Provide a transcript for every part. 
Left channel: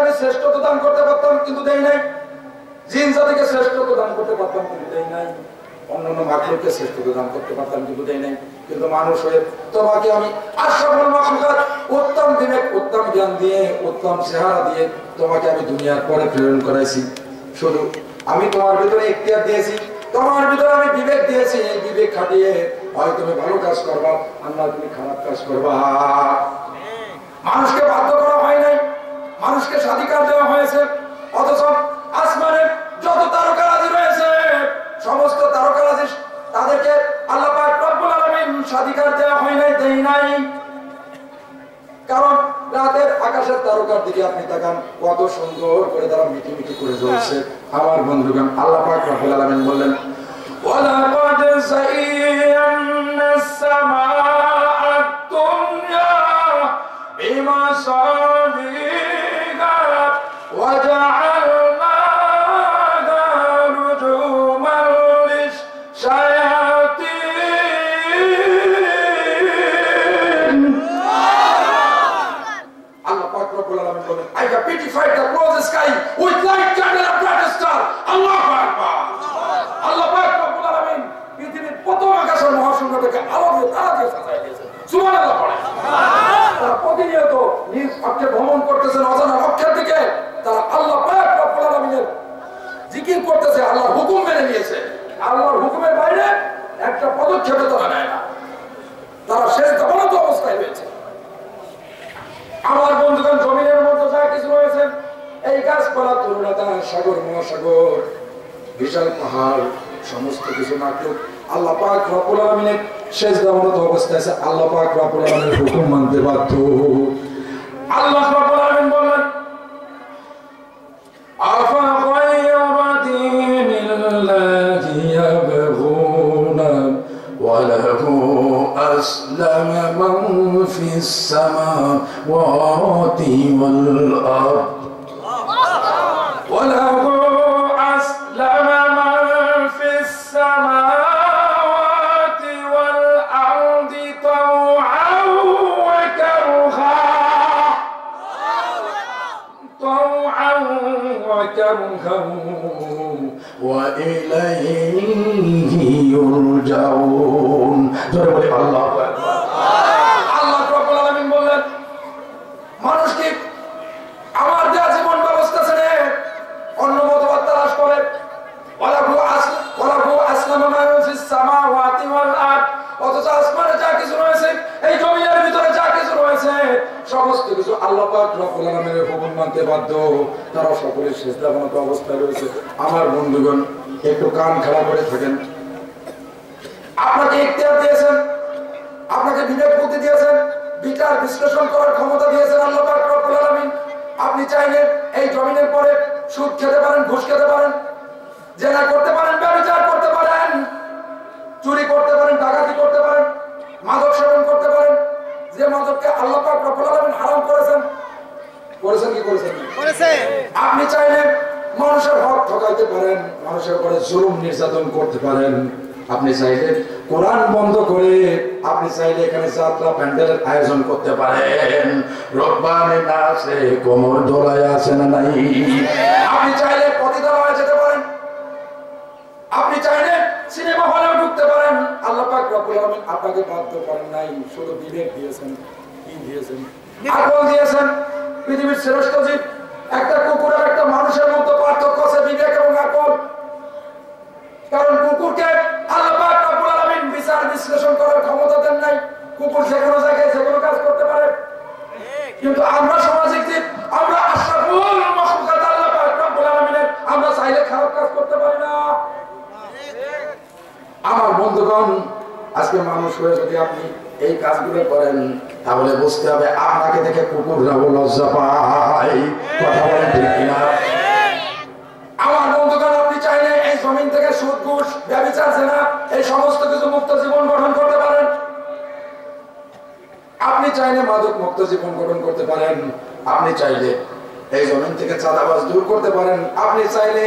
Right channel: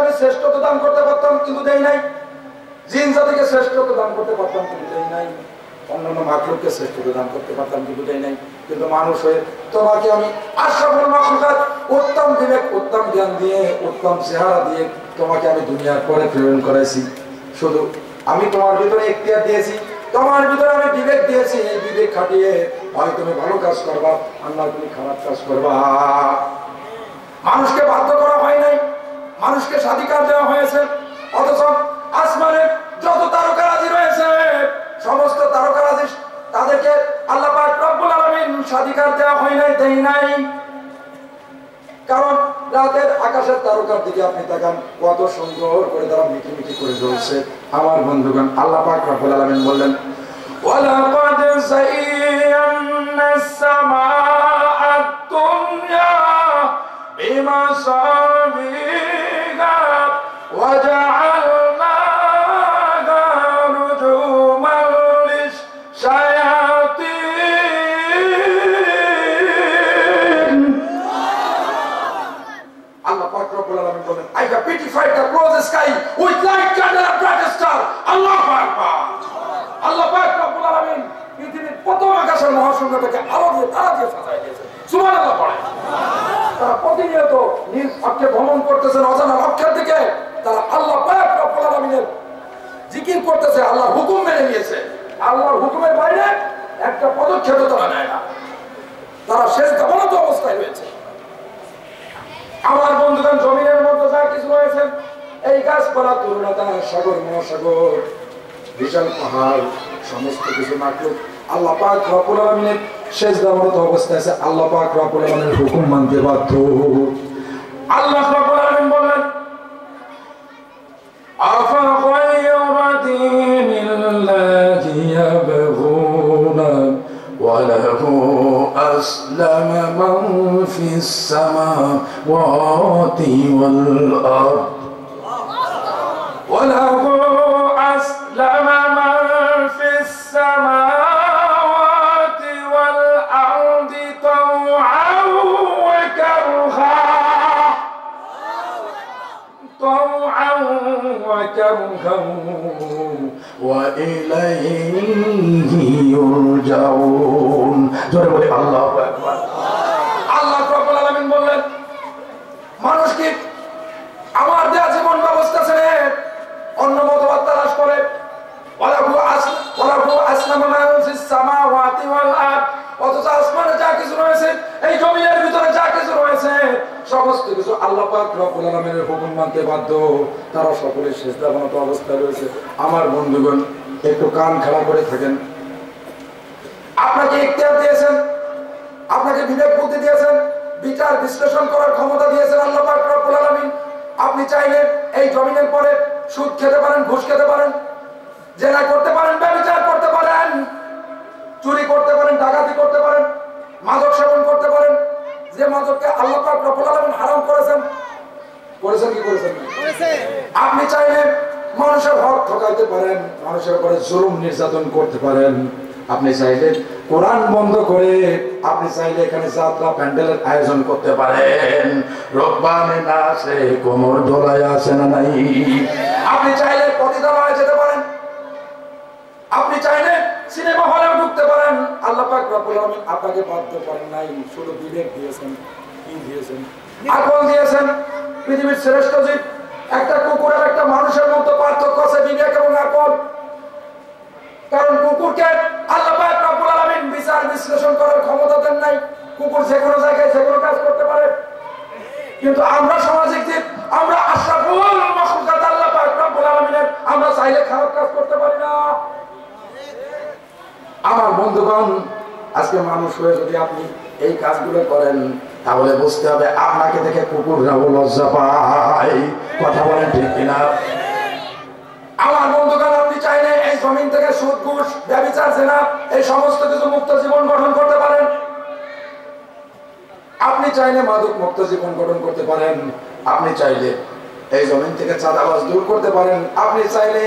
আমি শ্রেষ্ঠত্ব দান করতে পারতাম কিন্তু দেই নাই, জিন জাতিকে শ্রেষ্ঠত্ব দান করতে পারতাম কিন্তু দেই নাই, অন্যান্য মাখলুককে শ্রেষ্ঠত্ব দান করতে পারতাম কিন্তু দেই নাই। কিন্তু মানুষ হয়ে তোমাকে আমি আশরাফুল মাখলুকাত, উত্তম বিবেক উত্তম জ্ঞান দিয়ে উত্তম চেহারা দিয়ে তোমাকে আমি দুনিয়ার পরে প্রেরণ করাইছি। শুধু আমি তোমার ভিতরে ইখতিয়ার দিয়েছি, তোমার ভিতরে আমি বিবেক দিয়েছি। এই বিবেক খাটিয়ে হয় তুমি ভালো কাজ করবা, আর নয় তুমি খারাপ কাজ করবা। মানুষকে বাধ্য করা হয় নাই, মানুষকে স্বাধিকার দেওয়া হয়েছে। অথচ আসমানে যত তারকারাজি রয়েছে সমস্ত তারকারাজি তাদেরকে আল্লাহ পাক রব্বুল আলামিন স্বাধিকার দেওয়া হয় নাই, দেই নাই। কারণ রাতের আকাশের তারকার দিকে আপনি তাকান, কত সুন্দর করে তারা মিটিমিটি করে জ্বলছে। আমার বন্ধুগণ, আল্লাহ পাক রব্বুল আলামিন বললেন ওয়ালাকাদ যায়্যানাস সামাআদ দুনিয়া বিমাসাবিহা ওয়া জাআলনাহা রুজুমান লিশ-শায়াতিন। আল্লাহ পাক রব্বুল আলামিন বলেন I have beautified the closed sky with light candle and bright star. আল্লাহু আকবার। আল্লাহ পাক রব্বুল আলামিন পৃথিবীর প্রথম আকাশের মহাশূন্যটাকে আলো দিয়ে তারা দিয়ে সাজায় দিয়েছেন। সুবহানাল্লাহ পড়েন। তারা প্রতিনিয়ত নিজ অক্ষে ভ্রমণ করতেছেন অজানা লক্ষ্যের দিকে। তারা আল্লাহ পাক রব্বুল আলামিনের জিকির করতেছে, আল্লাহর হুকুম মেনে নিয়েছে। আল্লাহর হুকুমের বাইরে একটা পদক্ষেপও তারা নেয় না। তারা শেষ দাবনত অবস্থায় রয়েছে। আমার বন্ধুগণ, জমিনের মধ্যে যা কিছু রয়েছে, এই গাছপালা, তরুণতা, সাগর, মহাসাগর, বিশাল পাহাড়, সমস্ত কিছু মাখলুক আল্লাহ পাক রব্বুল আলামিনের শেষ দাবনত অবস্থায় আছে। আল্লাহ পাক রব্বুল আলামিনের হুকুম মানতে বাধ্য। আল্লাহ রব্বুল আলামিন বললেন আফা গায়রা দীনিল্লাহি ইয়াবগুনা ওয়া লাহু আসলামা মান ফিস সামাওয়াতি ওয়াল আরদ ওয়া লাহু আসলামা মান ফিস সামাওয়াতি ওয়াল আরদি তাওআন ওয়া কারহা ওয়া ইলাইহি ইউরজাউন। জোরে বলে আল্লাহু আকবার। আল্লাহ রাব্বুল আলামিন বললেন মানুষ কি আমার দেয়া জীবন ব্যবস্থা ছেড়ে অন্য মতবাদ তালাশ করে? ওয়ালাহু আসলামা মান ফিস সামাওয়াতি ওয়াল আরদ। অথচ আসমানে যা কিছু রয়েছে, এই জমিনের ভিতরে যা কিছু রয়েছে, সমস্ত কিছু আল্লাহ পাক রব্বুল আলামিনের হুকুম মানতে বাধ্য। তারা সকলে সিজদাবনত অবস্থায় রয়েছে। আমার বন্ধুগণ, একটু কান খাড়া করে থাকেন। আপনাকে ইখতিয়ার দিয়েছেন, আপনাকে বিবেক বুদ্ধি দিয়েছেন, বিচার বিশ্লেষণ করার ক্ষমতা দিয়েছেন আল্লাহ পাক রব্বুল আলামিন। আপনি চাইলে এই জমিনের পরে সুদ খেতে পারেন, ঘুষ খেতে পারেন, জেনা করতে পারেন, ব্যভিচার করতে পারেন, চুরি করতে পারেন, ডাকাতি করতে পারেন, মাদক সেবন করতে পারেন। যে মাদককে আল্লাহ পাক রব্বুল আলামিন হারাম করেছেন, করেছেন কি করেছেন? আপনি চাইলে মানুষের হক ঠকাইতে পারেন, মানুষের উপরে জুলুম নির্যাতন করতে পারেন। আপনি চাইলে কোরআন বন্ধ করে আপনি চাইলে এখানে যাত্রা প্যান্ডেলের আয়োজন করতে পারেন। রব্বানে নাচে কোমর দোলায় আছে না নাই? আপনি চাইলে পতিতালয়ে যেতে পারেন, আপনি চাইলে সিনেমা হলেও ঢুকতে পারেন। আল্লাহ পাক রব্বুল আলামিন আপনাকে বাধ্য করেন নাই, শুধু বিবেক দিয়েছেন। কি দিয়েছেন? আকল দিয়েছেন। পৃথিবীর শ্রেষ্ঠ জীব একটা কুকুর আর একটা মানুষের মধ্যে পার্থক্য আছে বিবেক এবং আকল। কারণ কুকুরকে আল্লাহ পাক রব্বুল আলামিন বিচার বিশ্লেষণ করার ক্ষমতা দেন নাই। কুকুর যে কোনো জায়গায় যে কোনো কাজ করতে পারে। কিন্তু আমরা সামাজিক জীব, আমরা আশরাফুল মাখলুকাত আল্লাহ পাক রব্বুল আলামিনের, আমরা চাইলে খারাপ কাজ করতে পারি না। আমার বন্ধুগণ, আজকে মানুষ হয়ে যদি আপনি এই কাজগুলো করেন, তাহলে বুঝতে হবে আপনাকে দেখে কুকুররাও লজ্জা পায়। কথা বলেন ঠিক কিনা? আমার বন্ধুগণ, আপনি চাইলে এই জমিন থেকে সুদ, ঘুষ, ব্যভিচার, জেনা, এই সমস্ত কিছু মুক্ত জীবন গঠন করতে পারেন। আপনি চাইলে মাদক মুক্ত জীবন গঠন করতে পারেন। আপনি চাইলে এই জমিন থেকে চাঁদাবাজ দূর করতে পারেন। আপনি চাইলে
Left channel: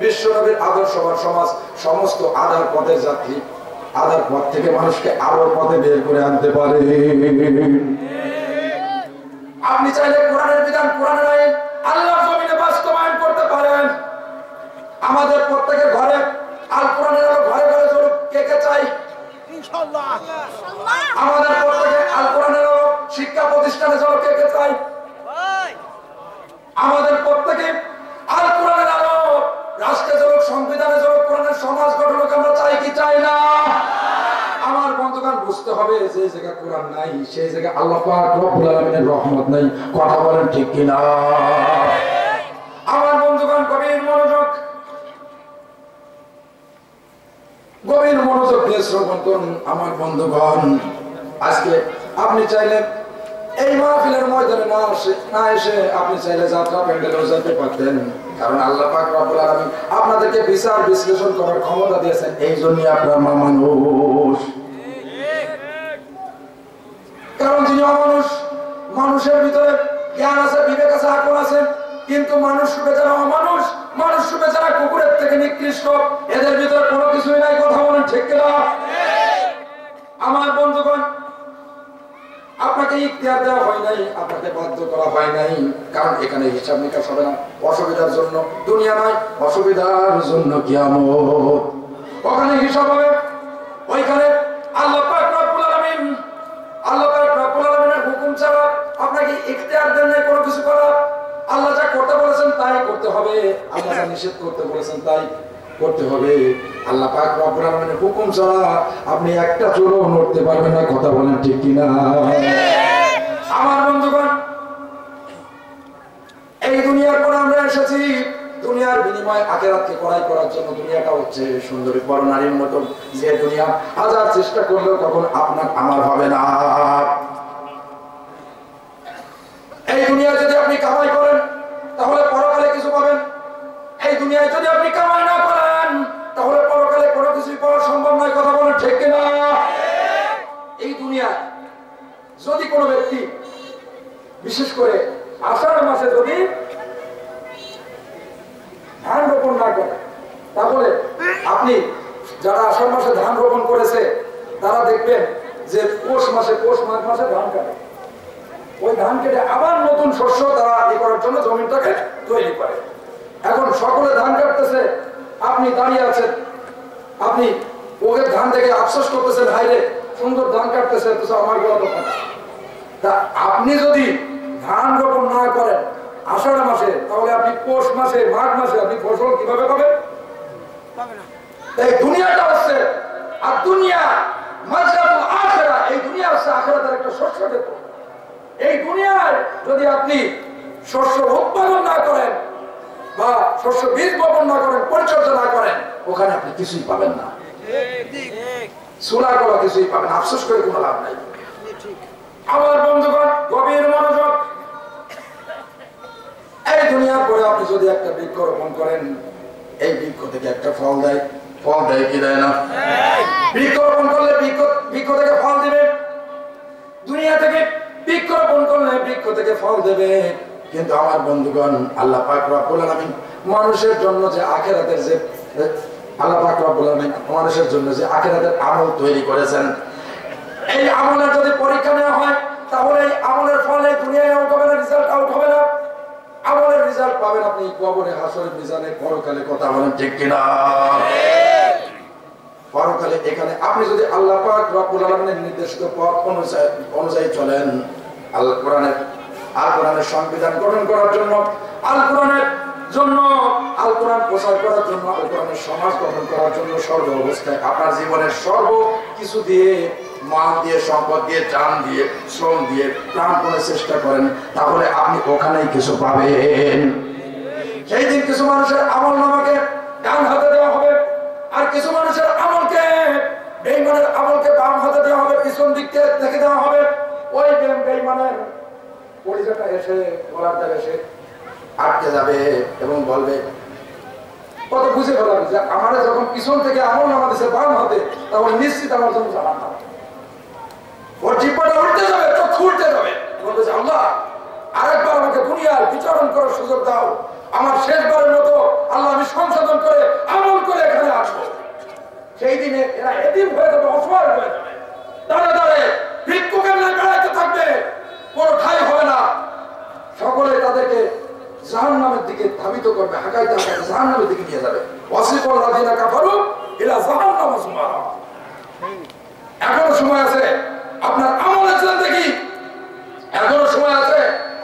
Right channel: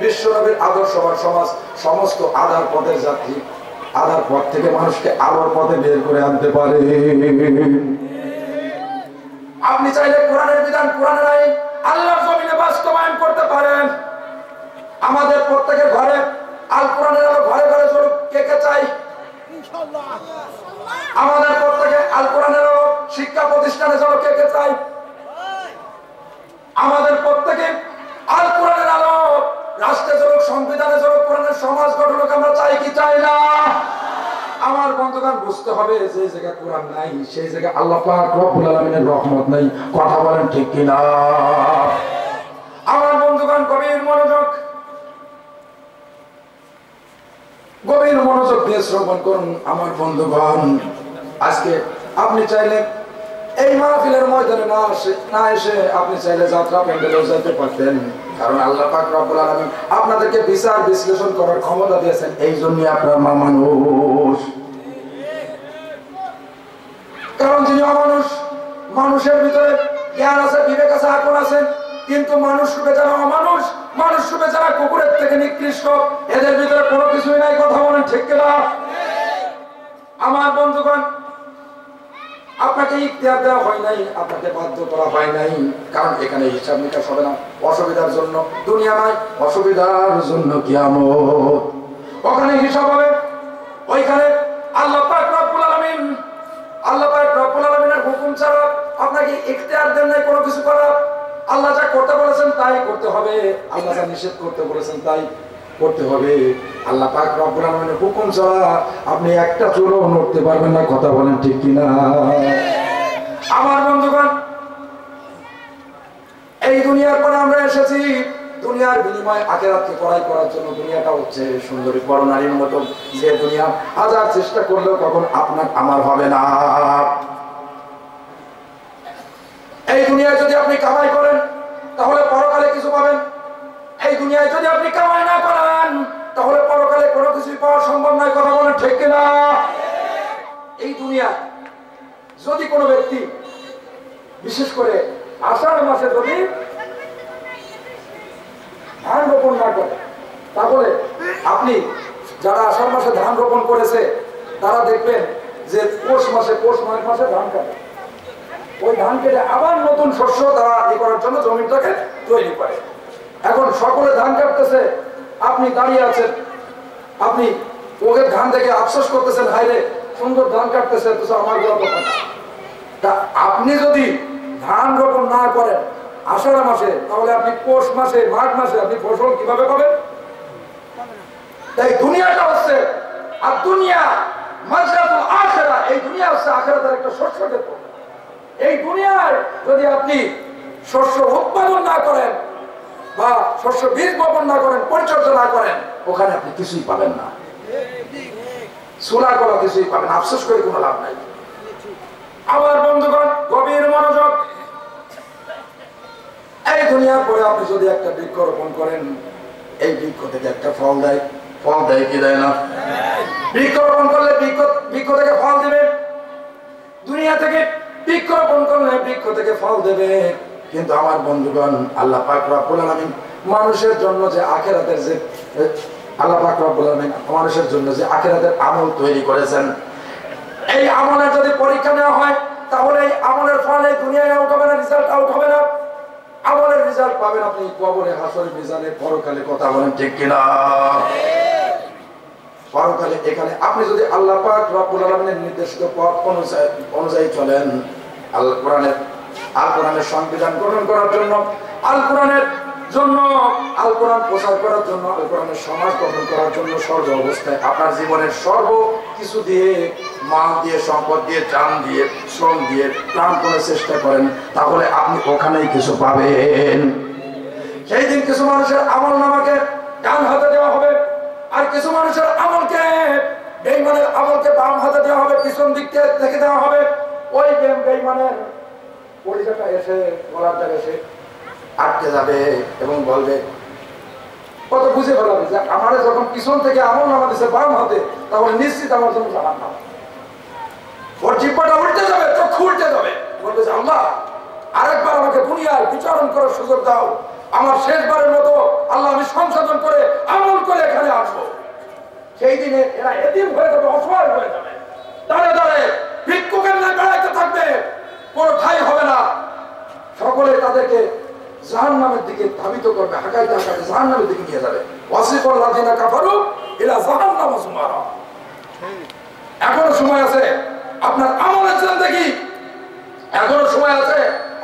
বিশ্বনবীর আদর্শবান সমাজ, সমস্ত আধার পথের যাত্রী, আধার পথ থেকে মানুষকে আলোর পথে বের করে আনতে পারে। আপনি চাইলে কোরআনের বিধান, কোরআনের আইন, আল্লাহ কায়েম করতে পারেন। আমাদের প্রত্যেকের ঘরে আল কোরআনের আলো ঘরে ঘরে চলুক, কে কে চাই? ইনশাআল্লাহ। আমাদের প্রত্যেকে আল কোরআনের আলো শিক্ষা প্রতিষ্ঠানে চলুক, কে কে চাই? আমাদের প্রত্যেকে আল কোরআনের আলো রাষ্ট্রে চলুক, সংবিধানে চলুক, কোরআনের সমাজ গঠন হোক, আমরা চাই কি চাই না? আমার বন্ধুগণ বুঝতে হবে, যে জায়গায় কোরআন নাই সেই জায়গায় আল্লাহ পাক রব্বুল আলামিনের রহমত নাই। কথা বলেন ঠিক কিনা? আমার বন্ধুগণ গভীর মনোযোগ দিয়ে শ্রবণ করুন। আমার বন্ধুগণ, আজকে আপনি চাইলে এই মাহফিলের ময়দানে না এসে আপনি চাইলে যাত্রা প্যান্ডেলেও যেতে পারতেন, কারণ আল্লাহ পাক রব্বুল আলামিন আপনাদেরকে বিচার বিশ্লেষণ করার ক্ষমতা দিয়েছেন। এই জন্যই আপনার মা মানুষ। কারণ যিনি অমানুষ, মানুষের ভিতরে জ্ঞান আছে, বিবেক আছে, আকল আছে, কিন্তু মানুষ রূপে যারা অমানুষ, মানুষ রূপে যারা কুকুরের থেকে নিকৃষ্ট, এদের ভিতরে কোনো কিছুই নাই। কথা বলেন ঠিক কিনা? আমার বন্ধুগণ, আপনাকে ইখতিয়ার দেওয়া হয় নাই, আপনাকে বাধ্য করা হয় নাই, কারণ এখানে হিসাব নিকাশ হবে না অসুবিধার জন্য। দুনিয়া নয়, অসুবিধার জন্য কিয়ামত। ওখানে হিসাব হবে। ওইখানে আল্লাহ পাক রব্বুল আলামিনের হুকুম ছাড়া আপনাকে ইখতিয়ার দেন নাই কোনো কিছু করার। আল্লাহ যা করতে বলেছেন তাই করতে হবে, আল্লাহ যা নিষেধ করতে বলেছেন তাই করতে হবে। আল্লাহ পাক রব্বুল আলামিনের হুকুম ছাড়া আপনি একটা চুলও নড়তে পারবেন না। কথা বলেন ঠিক কিনা? আমার বন্ধুগণ, এই দুনিয়ার পরে আমরা এসেছি দুনিয়ার বিনিময়ে আখিরাতকে কড়াই করার জন্য। দুনিয়াটা হচ্ছে সুন্দরী বড় নারীর মতো, যে দুনিয়া হাজার চেষ্টা করলেও কখন আপনার আমার হবে না। এই দুনিয়ায় যদি আপনি কামাই করেন তাহলে পরকালে কিছু পাবেন। এই দুনিয়ায় যদি আপনি কামাই না করেন তাহলে পরকালে কোনো কিছুই পাওয়া সম্ভব নয়। কথা বলেন ঠিক কিনা? এই দুনিয়া যদি কোনো ব্যক্তি বিশেষ করে আষাঢ় মাসে যদি ধান রোপণ না করে, তাহলে আপনি যারা আষাঢ় মাসে ধান রোপণ করেছে তারা দেখবেন যে পৌষ মাঘ মাসে ধান কাটে। ওই ধান কেটে আবার নতুন শস্য তারা করার জন্য জমিটাকে তৈরি করে। এখন সকলে ধান কাটতেছে, আপনি দাঁড়িয়ে আছেন, আপনি ওকে ধান থেকে আফসোস করতেছেন, হাইরে সুন্দর ধান কাটতেছে, আমার তা আপনি যদি ধান রোপণ না করেন আষাঢ় মাসে, তাহলে আপনি পৌষ মাসে মাঘ মাসে আপনি ফসল কিভাবে পাবেন? তাই দুনিয়াটা হচ্ছে আর দুনিয়া মাজরাতুল আখিরা, এই দুনিয়া হচ্ছে আখিরাতের একটা শস্য ক্ষেত্র। এই দুনিয়ায় যদি আপনি শস্য উৎপাদন না করেন বা শস্য বীজ বপন না করেন, পরিচর্যা না করেন, ওখানে আপনি কিছুই পাবেন না। সুরা করা কিছুই পাবেন, আফসোস করে কোনো লাভ নাই। আমার বন্ধুগণ গভীর মনোযোগ, এই দুনিয়ার পরে আপনি যদি একটা বৃক্ষ রোপণ করেন, এই বৃক্ষ থেকে একটা ফল দেয়। ফল দেয় কি দেয় না? বৃক্ষ রোপণ করলে বৃক্ষ থেকে ফল দিবে। দুনিয়া থেকে বৃক্ষ রোপণ করলে বৃক্ষ থেকে ফল দেবে। কিন্তু আমার বন্ধুগণ, আল্লাহ পাক রব্বুল আলামিন মানুষের জন্য যে আখিরাতের যে আল্লাহ পাক রব্বুল আলামিন মানুষের জন্য যে আখিরাতের আমল তৈরি করেছেন, এই আমলের যদি পরীক্ষা নেওয়া হয় তাহলে এই আমলের ফল এই দুনিয়ায় আউট হবে না, রেজাল্ট আউট হবে না। আমলের রেজাল্ট পাবেন আপনি কবরে, হাসরে, মিজানে, পরকালে। কথা বলেন ঠিক কিনা? পরকালে এখানে আপনি যদি আল্লাহ পাক রব্বুল আলামিনের নির্দেশিত পথ অনুযায়ী চলেন, আল কোরআনের সংবিধান গঠন করার জন্য, আল কোরআন প্রচার করার জন্য, আল কোরআনের সমাজ গঠন করার জন্য সর্ব অবস্থায় আপনার জীবনের সর্ব কিছু দিয়ে, মাল দিয়ে, সম্পদ দিয়ে, জান দিয়ে, শ্রম দিয়ে, প্রাণপণে চেষ্টা করেন, তাহলে আপনি ওখানেই কিছু পাবেন। সেই দিন কিছু মানুষের আমল নামাকে ডান হাতে দেওয়া হবে, আর কিছু মানুষের আমলকে, বেঈমানের আমলকে বাম হাতে দেওয়া হবে, পিছন দিক থেকে দেওয়া হবে। ওই বেঈমানের পরিচয়টা এসে গলাটা এসে আটকে যাবে এবং বলবে, কত বুঝে ফেলাবে যে আমার যখন পিছন থেকে আমল নামা দিচ্ছে বাম হাতে, তাহলে নিশ্চিত আমার জন্য জাহান্নাম। ওর জিহ্বাটা উল্টে যাবে, চক্ষু উল্টে যাবে, বলবে যে আল্লাহ আরেকবার আমাকে দুনিয়ায় বিচরণ করার সুযোগ দাও, আমার শেষবারের মতো আল্লাহ আমি সংশোধন করে আমল করে এখানে আসবো। সেই দিনে এরা এতিম হয়ে যাবে, অসহায় হয়ে যাবে, দাঁড়ে দাঁড়ে ভিক্ষুকের ন্যায় বেড়াইতে থাকবে, কোনো ঠাই হবে না। সকলে তাদেরকে জাহান্নামের দিকে ধাবিত করবে, হাঁকাইতে হাঁকাইতে জাহান্নামের দিকে নিয়ে যাবে। ওয়াসিকাল্লাযিনা কাফারু ইলা জাহান্নামা যুমারা। এখনো সময় আছে আপনার আমলের জিন্দেগি, এখনো সময় আছে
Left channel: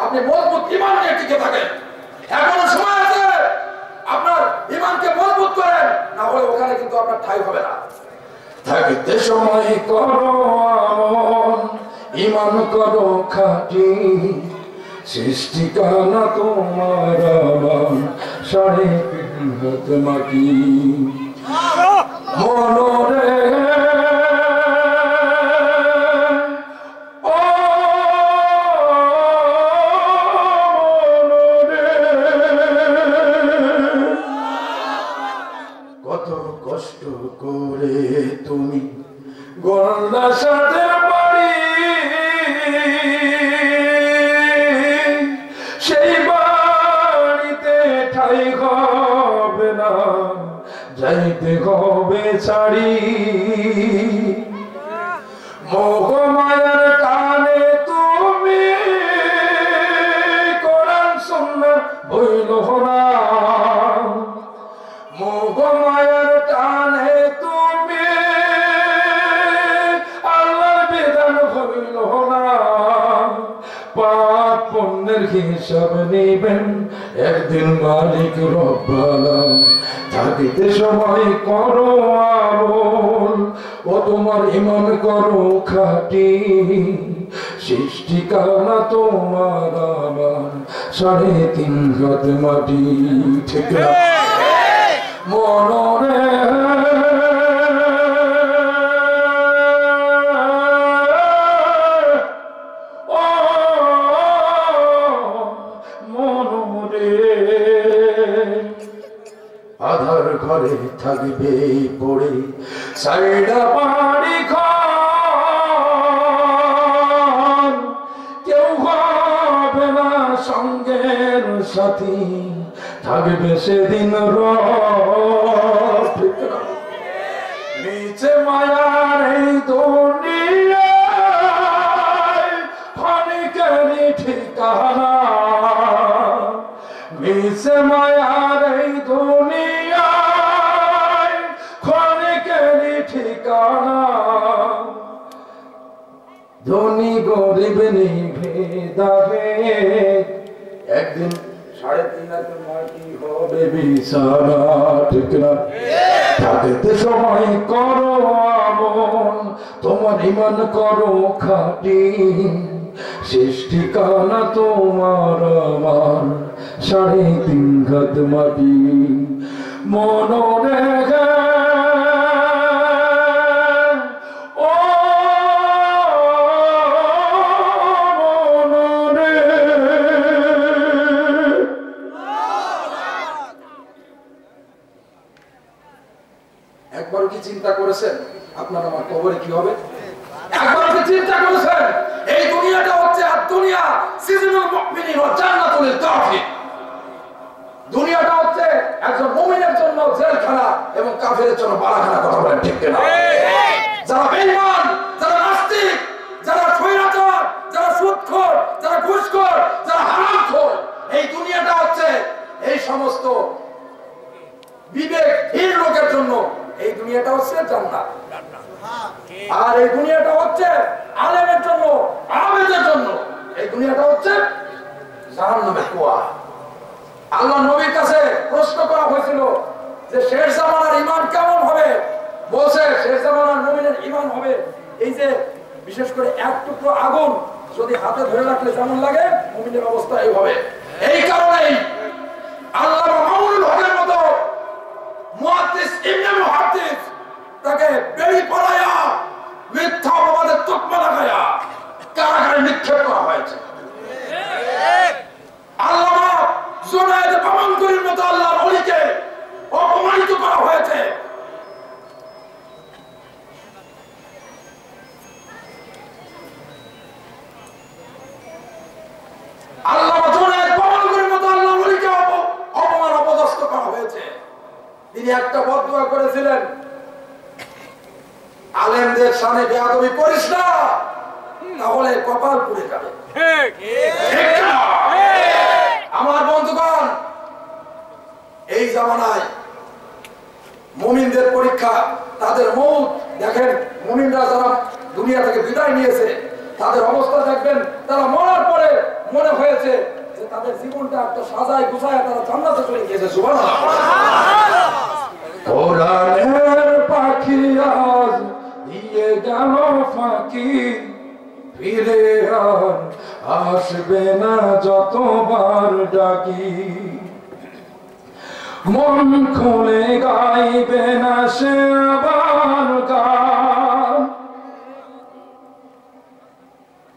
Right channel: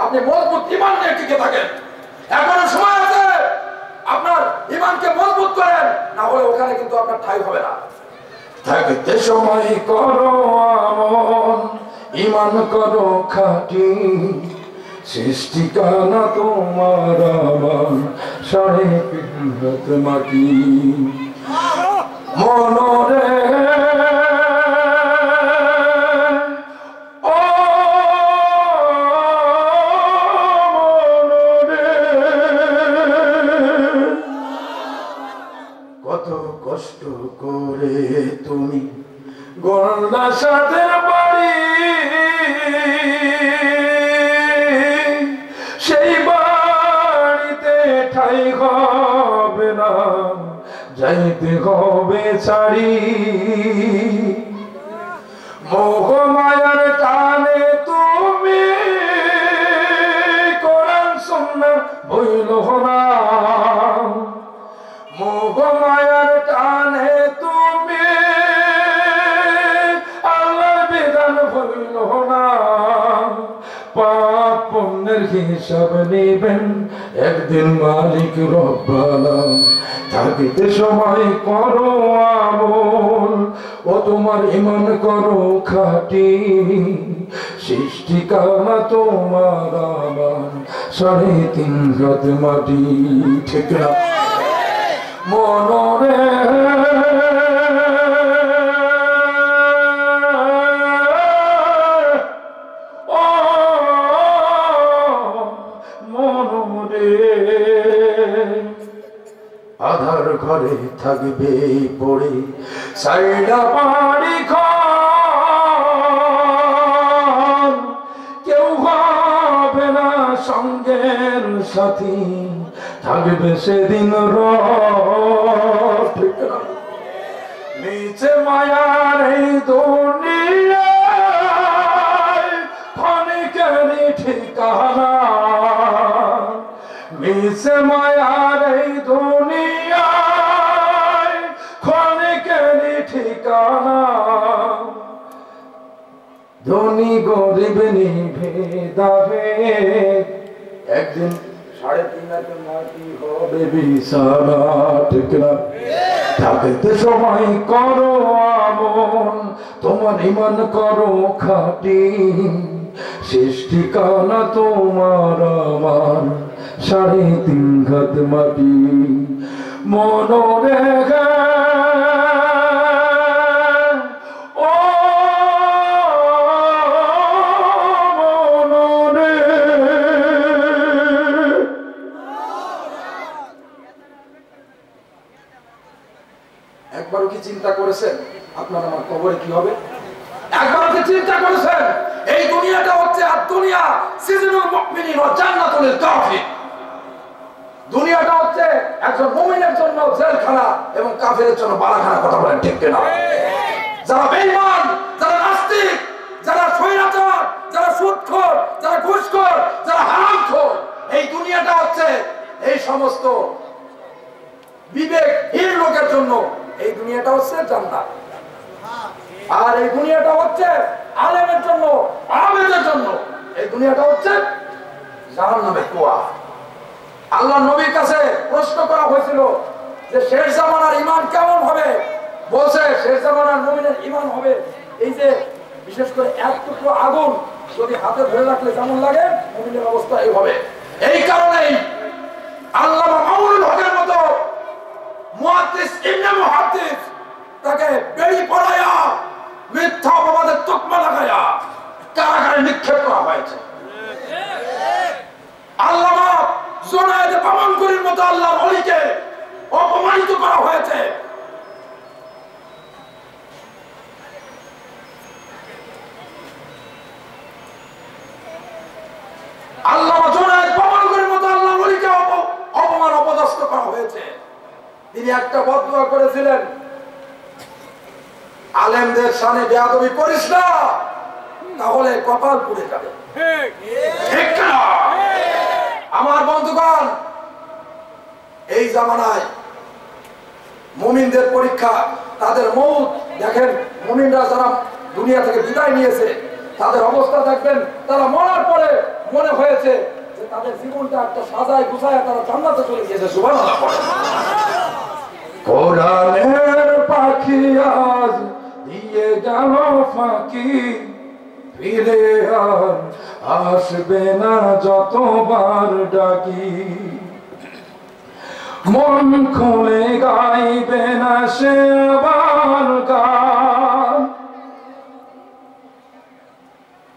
আপনি মজবুত ঈমান নিয়ে টিকে থাকেন, এখনো সময় আছে আপনার ঈমানকে মজবুত করেন, না হলে ওখানে কিন্তু আপনার ঠাঁই হবে না। থাকতে সময় করো আমল, ঈমান করো খাঁটি, সৃষ্টিকানা তোমার আমার 3.5 হাত মাটি। মনরে কত কষ্ট করে তুমি গড়লা সাদের বাড়ি, সেই বাড়িতে ঠাই হবে না, যাইতে হবে ছাড়ি। মোহ মায়ার টানে তুমি কোরআন সুন্নাহ বইল না, মোহ মায়ার টানে তুমি আল্লাহর বিধান বইল না। পাপ পুণ্যের হিসাব নেবেন একদিন মালিক রব্বানা। থাকিতে সময় করো আমল, ও তোমার ঈমান করো খাঁটি, সৃষ্টিকানা তোমার আমার 3.5 হাত মাটি। ঠিক না মনরে ও মনরে, আধার ঘরে থাকবে পড়ে সাইডা পাড়ি খান, কেউ হবে না সঙ্গের সাথী, থাকবে সেদিন নিচে মায়ার এই দুনিয়ায় ক্ষণিকেরই ঠিকানা, নিচে মায়ার এই দুনিয়ায় ক্ষণিকেরই ঠিকানা। ধনী গরিব ভেদাভেদ, একদিন 3.5 হাত মাটি হবে বিছানা। ঠিক না থাকতে সময় করো আমল, তোমার ঈমান করো খাঁটি, সৃষ্টিকানা তোমার আমার 3.5 হাত মাটি। মনরে ও মনরে, একবারও কি চিন্তা করেছেন আপনার আমার কবরে কি হবে? একবারও কি চিন্তা করেছেন এই দুনিয়াটা হচ্ছে আর দুনিয়া সিজনুল মুমিনিন ওয়া জান্নাতুল কাফির। দুনিয়াটা হচ্ছে একজন মুমিনের জন্য জেলখানা এবং কাফিরের জন্য বালাখানা। কথা বলেন ঠিক কিনা? যারা বেঈমান, যারা নাস্তিক, যারা স্বৈরাচার, যারা সুদখোর, যারা ঘুষখোর, যারা হারামখোর, এই দুনিয়াটা হচ্ছে এই সমস্ত বিবেকহীন লোকের জন্য এই দুনিয়াটা হচ্ছে জান্নাত, আর এই দুনিয়াটা হচ্ছে আলেমের জন্য, আবেদের জন্য এই দুনিয়াটা হচ্ছে জাহান্নামের কুয়া। আল্লাহ নবীর কাছে প্রশ্ন করা হয়েছিল যে শেষ জামানার ঈমান কেমন হবে? বলছে শেষ জামানার মুমিনের ঈমান হবে এই যে বিশেষ করে এক টুকরো আগুন যদি হাতে ধরে রাখলে যেমন লাগে, মুমিনের অবস্থা এই হবে। এই কারণেই আল্লামা মামুনুল হকের মতো মুহাদ্দিস ইবনে মুহাদ্দিস তাকে বেড়ি পড়ায়া মিথ্যা অপবাদের তুকমা লাগায়া কারাগারে নিক্ষেপ করা হয়েছে। আল্লামা জুনায়েদ বামানগুরির মতো আল্লাহর ওলিকে অপমানিত করা হয়েছে। আল্লামা জুনায়েদ বামানগুরির মতো আল্লাহর ওলিকে অপমান অপদস্থ করা হয়েছে। তিনি একটা বদদুয়া করেছিলেন, আলেমদের সামনে বেয়াদবি করিস না, তাহলে কপাল পুড়ে যাবে। আমার বন্ধুগণ, মুমিনদের পরীক্ষা, তাদের মউত দেখেন। মুমিনরা যারা দুনিয়া থেকে বিদায় নিয়েছে তাদের অবস্থা দেখবেন, তারা মরার পরে মনে হয়েছে যে তাদের জীবনটা একটা সাজায় গুছায় তারা জান্নাতে চলে গিয়েছে। সুবহানাল্লাহ। কোরআনের পাখি আজ দিয়ে গেল ফাঁকি, ফিরে আর আসবে না যতবার ডাকি। মন খুলে গাইবে না সে আবার গান।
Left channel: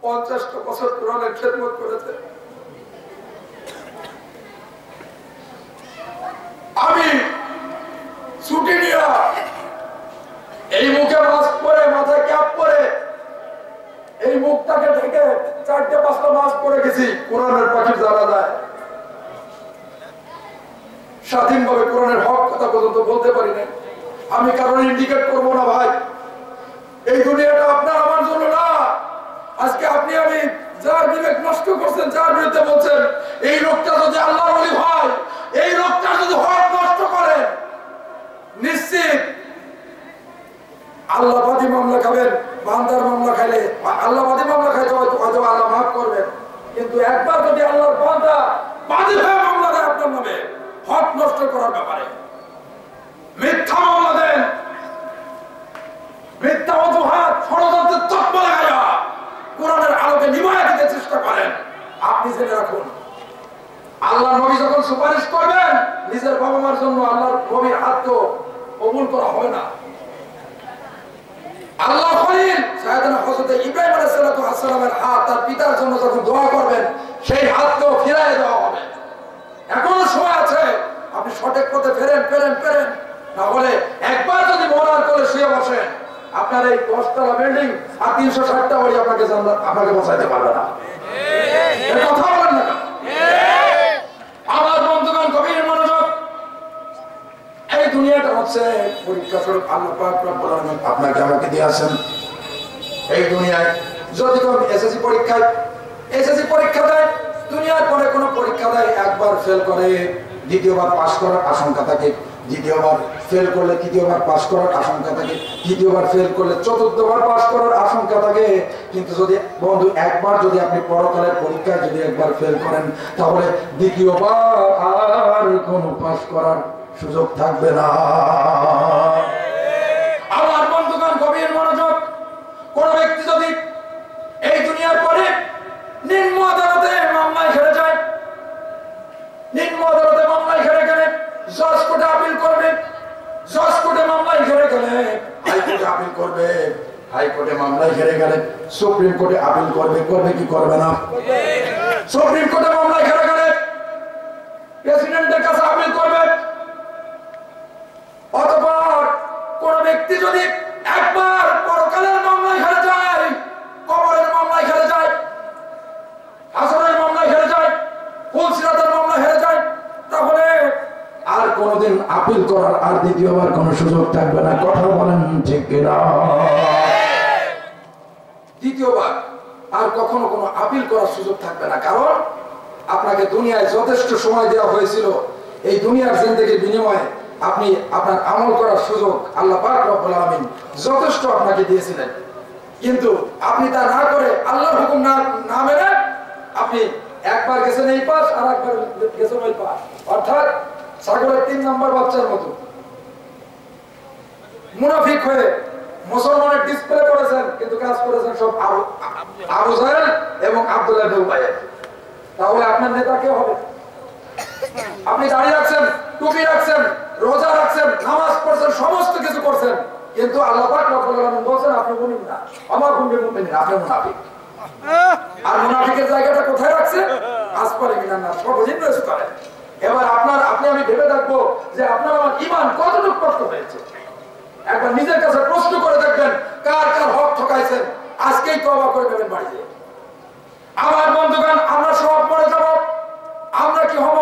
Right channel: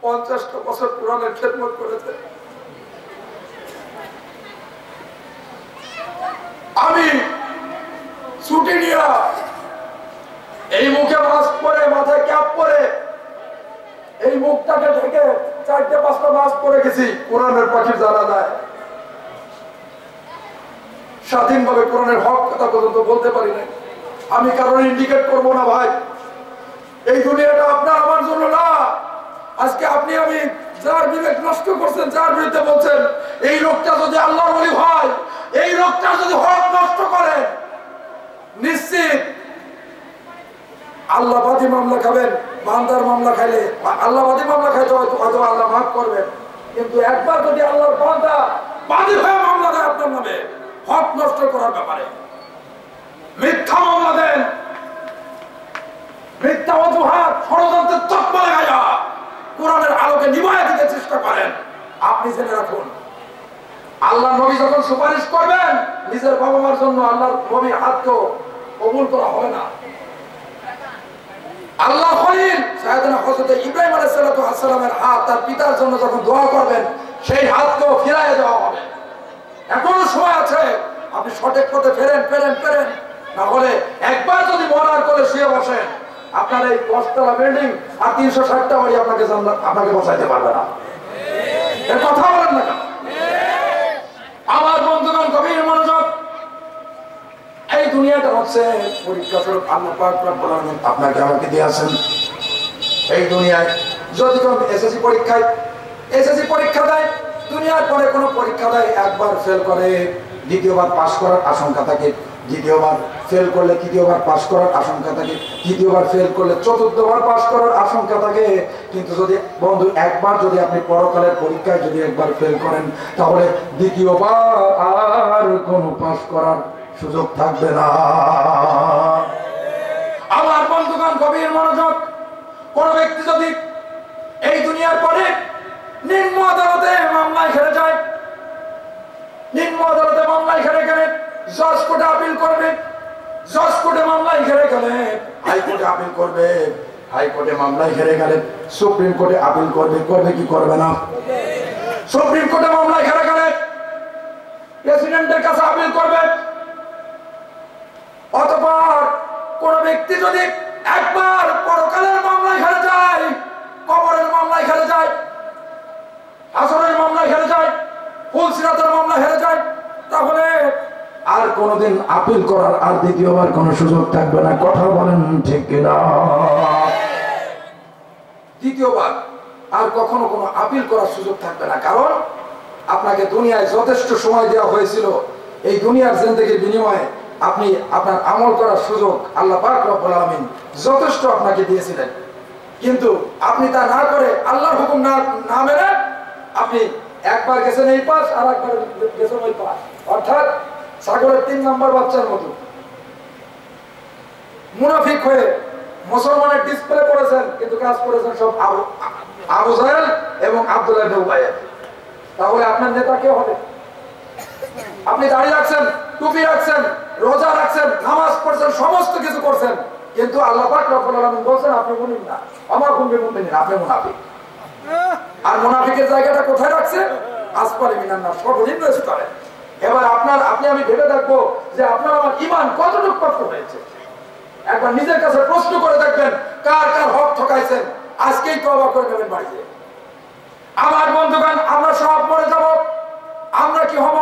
50টা বছর কোরআনের খেদমত করেছে। আমি ছুটি নিয়ে এই মুখে মাস্ক পরে, মাথায় ক্যাপ পরে, এই মুখটাকে ঢেকে 4-5টা মাস পরে গেছি কোরআনের পাখির জানা যায়। স্বাধীনভাবে কোরআনের হক কথা পর্যন্ত বলতে পারি না। আমি কারণ ইন্ডিকেট করবো না ভাই, এই দুনিয়াটা আপনার আমার জন্য না। আজকে আপনি আমি যার বিবেক নষ্ট করছেন, যার বিরুদ্ধে বলছেন, এই লোকটা যদি আল্লাহর ওলি হয়, এই লোকটা যদি হক নষ্ট করে, নিশ্চিত আল্লাহবাদী মামলা খাবেন। বান্দার মামলা খাইলে, আল্লাহবাদী মামলা খাইতে হয়তো আল্লাহ মাফ করবেন, কিন্তু একবার যদি আল্লাহর বান্দা বাদী হয়ে মামলা দেয় আপনার নামে হক নষ্ট করার ব্যাপারে, মিথ্যা মামলা দেন, মিথ্যা অজুহাত ষড়যন্ত্রের তকমা লাগাইয়া কোরআনের আলোকে নিভাইয়া দিতে চেষ্টা করেন, আপনি জেনে রাখুন আল্লাহর নবী যখন সুপারিশ করবেন নিজের বাবা মার জন্য, আল্লাহর নবীর হাত তো কবুল করা হবে না। আল্লাহ খলিল সাইয়েদনা হযরত ইব্রাহিম আলাইহিস সালামের হাত তার পিতার জন্য যখন দোয়া করবেন, সেই হাতকেও ফিরিয়ে দেওয়া হবে। এখনো সময় আছে, আপনি সঠিক পথে ফেরেন, না হলে একবার যদি মরার করে শুয়ে বসেন, আপনার এই 10তলা বিল্ডিং আর 360টা বাড়ি আপনাকে বসাইতে পারবে না। এর কথা বলেন না। আমার বন্ধুগণ গভীর মনোযোগ, এই দুনিয়াটা হচ্ছে পরীক্ষা স্বরূপ আল্লাহ পাক রব্বুল আলামিন আপনাকে আমাকে দিয়েছেন। এই দুনিয়ায় যদি কেউ এসএসসি পরীক্ষা দেয়, দুনিয়ার পরে কোনো পরীক্ষা দেয়, একবার ফেল করে দ্বিতীয়বার পাস করার আশঙ্কা থাকে, দ্বিতীয়বার ফেল করলে তৃতীয়বার পাস করার আশঙ্কা থাকে, তৃতীয়বার ফেল করলে চতুর্থবার পাস করার আশঙ্কা থাকে। কিন্তু যদি বন্ধু একবার যদি আপনি পরকালের পরীক্ষায় যদি একবার ফেল করেন, তাহলে দ্বিতীয়বার আর কোনো পাস করার সুযোগ থাকবে না। আমার বন্ধুগণ গভীর মনোযোগ, কোন ব্যক্তি যদি এই দুনিয়ার পরে নিম্ন আদালতে মামলায় হেরে যায়, নিম্ন আদালতে মামলায় হেরে গেলে জজ কোর্টে আপিল করবে, জজ কোর্টে মামলায় হেরে গেলে হাইকোর্টে আপিল করবে, হাইকোর্টে মামলায় হেরে গেলে সুপ্রিম কোর্টে আপিল করবে, কি করবে না? সুপ্রিম কোর্টে মামলায় হেরে গেলে প্রেসিডেন্টের কাছে আপিল করবে। অতঃপর কোন ব্যক্তি যদি একবার পরকালের মামলায় হেরে যায়, কবরের মামলায় হেরে যায়, হাসরের মামলায় হেরে যায়, ফুলসিরাতের মামলায় হেরে যায়, তাহলে আর কোনদিন আপিল করার আর দ্বিতীয়বার কোনো সুযোগ থাকবে না। কথা বলেন ঠিক কিনা? দ্বিতীয়বার আর কখনো কোনো আপিল করার সুযোগ থাকবে না, কারণ আপনাকে দুনিয়ায় যথেষ্ট সময় দেওয়া হয়েছিল। এই দুনিয়ার জিন্দেগির বিনিময়ে আপনি আপনার আমল করার সুযোগ আল্লাহ পাক রব্বুল আলামিন যথেষ্ট আপনাকে দিয়েছিলেন, কিন্তু আপনি তা না করে আল্লাহর হুকুম না মেনে আপনি একবার গেছেন এই পাশ আর একবার গেছেন ওই পাশ, অর্থাৎ ছাগলের 3 নম্বর বাচ্চার মতো মুনাফিক হয়ে মুসলমানের ডিসপ্লে করেছেন, কিন্তু কাজ করেছেন সব আবু জাহেল এবং আব্দুল্লাহ ইবনে উবাই। তাহলে আপনার নেতা কে হবে? আপনি দাঁড়িয়ে রাখছেন, টুপি রাখছেন, রোজা রাখছেন, নামাজ পড়ছেন, সমস্ত কিছু করছেন, কিন্তু আল্লাহ পাক রব্বুল আলামিন বলেন আপনি মুমিন না, আমার মুমিন মুমিন, আপনি মুনাফিক। আর মুনাফিকের জায়গাটা কোথায় রাখছে? আসফালে মিনান নাস, সর্বনিম্ন স্তরে। এবার আপনি আমি ভেবে দেখবো যে আপনার আমার ঈমান কতটুকু কষ্ট হয়েছে। একবার নিজের কাছে প্রশ্ন করে দেখবেন কার কার হক ঠকাইছেন, আজকেই তওবা করে নেবেন বাড়িতে। আমার বন্ধুগণ, আমরা সব মরে যাব। আমরা কি হব?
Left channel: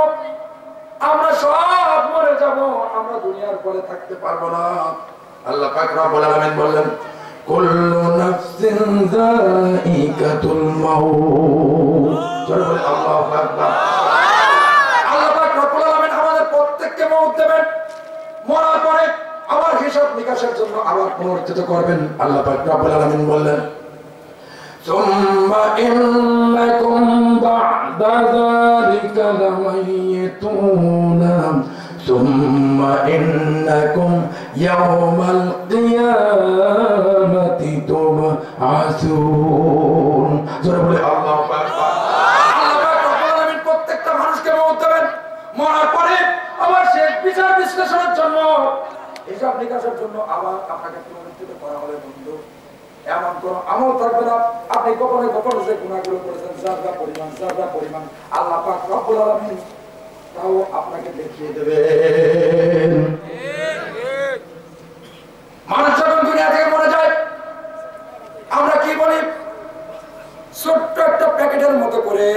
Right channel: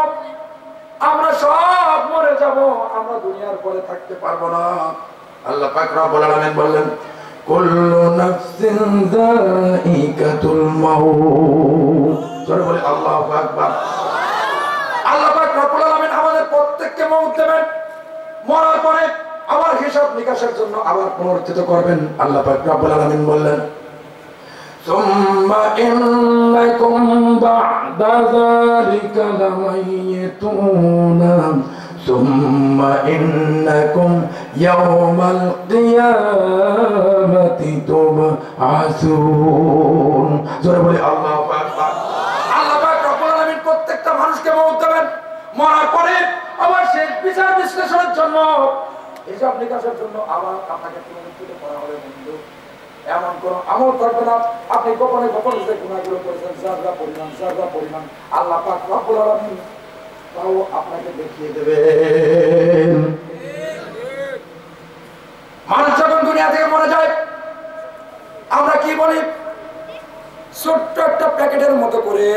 আমরা সব মরে যাব, আমরা দুনিয়ার পরে থাকতে পারবো না। আল্লাহ পাক রব্বুল আলামিন বললেন কুল্লু নাফসিন যায়িকাতুল মাউত। জোরে বলে আল্লাহু আকবার। আল্লাহ পাক রব্বুল আলামিন আমাদের প্রত্যেককে মওত দেবেন। মরার পরে আবার হিসাব নিকাশের জন্য আবার পুনরুত্থিত করবেন। আল্লাহ পাক রব্বুল আলামিন বললেন সুম্মা ইন্নাকুম বা'দা যালিকা লামাইতুনা সুম্মা ইন্নাকুম ইয়াওমাল কিয়ামাতি তুবআসুন। জোরে বলি আল্লাহু আকবার। আল্লাহ পাক রব্বুল আলামিন প্রত্যেকটা মানুষকে মওত দেবেন, মরার পরে আবার শেষ বিচার বিশ্লেষণের জন্য হিসাব নিকাশের জন্য আবার আপনাকে পুনরুত্থিত করা হবে। বন্ধু, এমন কোন আমল থাকবে না আপনি গোপনে গোপনে যে গুনাহগুলো করেছেন যারা পরিমাণ আল্লাহ পাক রব্বুল আলামিন তাও আপনাকে দেখিয়ে দেবেন। মানুষ যখন দুনিয়া থেকে মরে যায় আমরা কি বলি, ছোট্ট একটা প্যাকেটের মতো করে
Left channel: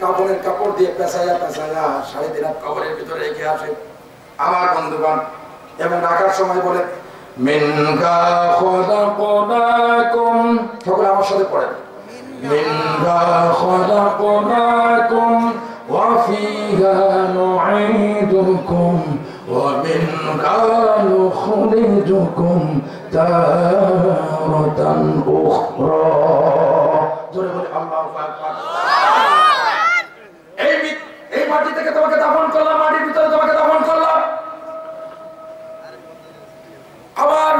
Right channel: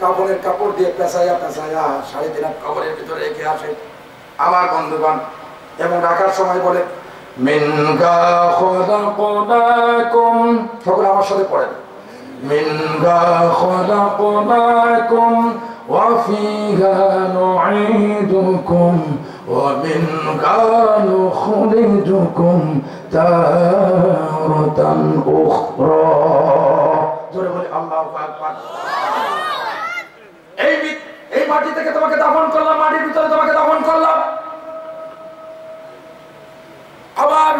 কাপড়ের কাপড় দিয়ে পেঁচাইয়া 3.5 হাত কবরের ভিতরে রেখে আসে আমার বন্ধুগণ, এবং রাখার সময় বলে মিনকা খলাকনাকুম, সকলে আমার সাথে পড়েন, মিনকা খলাকনাকুম ওয়া ফিহা নুঈদুকুম ওয়া মিনকা নুখরিজুকুম তারাতান উখরা। জোরে বলি আল্লাহু আকবার। এই মাটি থেকে তোমাকে দাফন করলাম, মাটির ভিতরে তোমাকে দাফন করলাম, আবার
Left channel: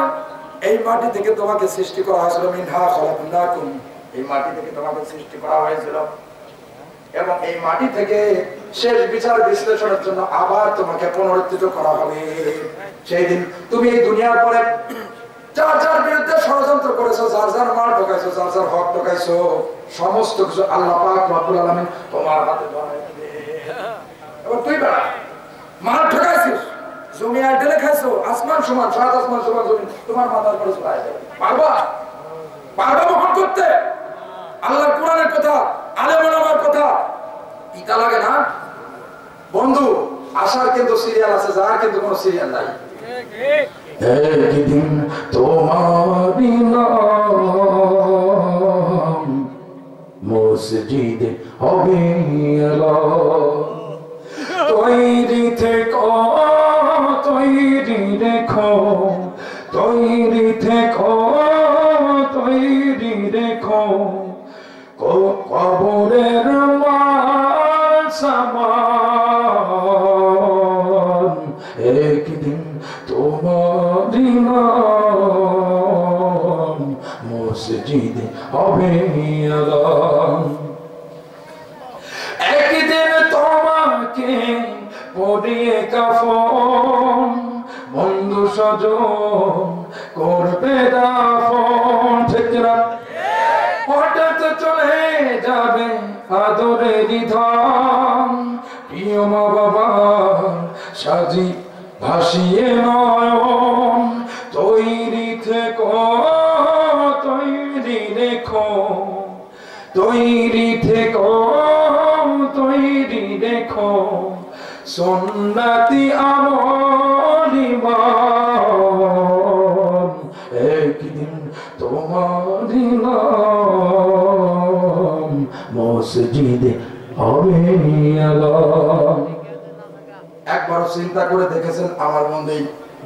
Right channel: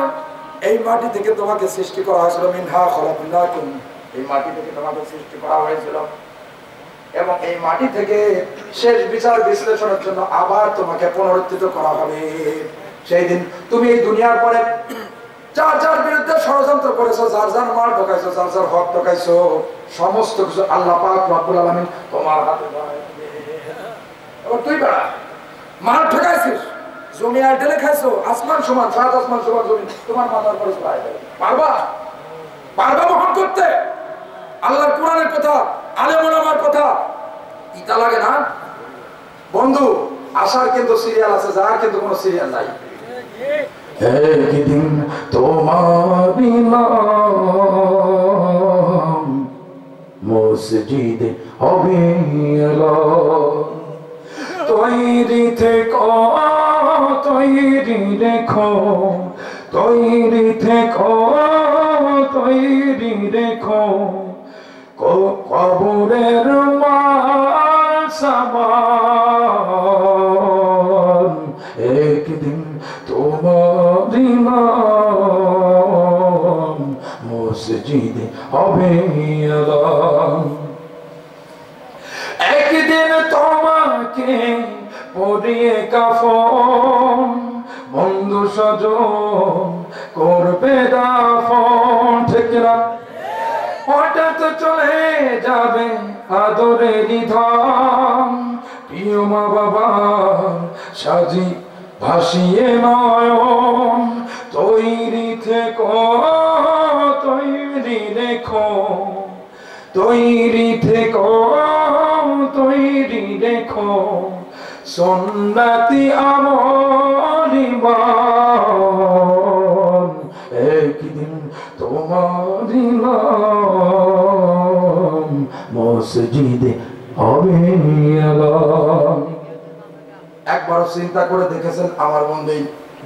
এই মাটি থেকে তোমাকে সৃষ্টি করা হয়েছিল, মিনহা খলাকনাকুম, এই মাটি থেকে তোমাকে সৃষ্টি করা হয়েছিল, এবং এই মাটি থেকে শেষ বিচার বিশ্লেষণের জন্য আবার তোমাকে পুনরুত্থিত করা হবে। সেই দিন তুমি এই দুনিয়ার পরে যার যার বিরুদ্ধে ষড়যন্ত্র করেছো, যার যার মাল ঢোকাইছো, যার যার হক ঢোকাইছো, সমস্ত কিছু আল্লাহ পাক রব্বুল আলামিন তোমার হাতে ধরায় দিবে। এবার তুই বেড়া মাল ঠকাইছিস, জমি আর ঢেলে খাইছো, আসমান সমান, 7 আসমান সমান জমি তোমার মাথার পরে চলে আসবে, পারবা বহন করতে? আল্লাহর কোরআনের কথা, আলেম ওলামার কথা ইতা লাগে না বন্ধু? আসার কিন্তু সিরিয়াল আছে, যার কিন্তু কোনো সিরিয়াল নাই। একদিন তোমারি নাম মসজিদে হবে এলান, তৈরি থেকো, তৈরি রেখো, তৈরি থেকো, তৈরি রেখো, কবরের মাল সামান, একদিন তোমারি নাম মসজিদে হবে এলান। একদিন তোমাকে পরিয়ে কাফন, বন্ধু স্বজন করবে দাফন, ঠিক না? হঠাৎ চলে যাবে আদরের ধাম, প্রিয় মা বাবা সাজি ভাসিয়ে নয়ন, তৈরি থেকো, তৈরি রেখো, তৈরি থেকো, তৈরি রেখো, সুন্নতি আমলিমান, একদিন তোমারি নাম মসজিদে হবে এলান। একবার চিন্তা করে দেখেছেন আমার বন্ধু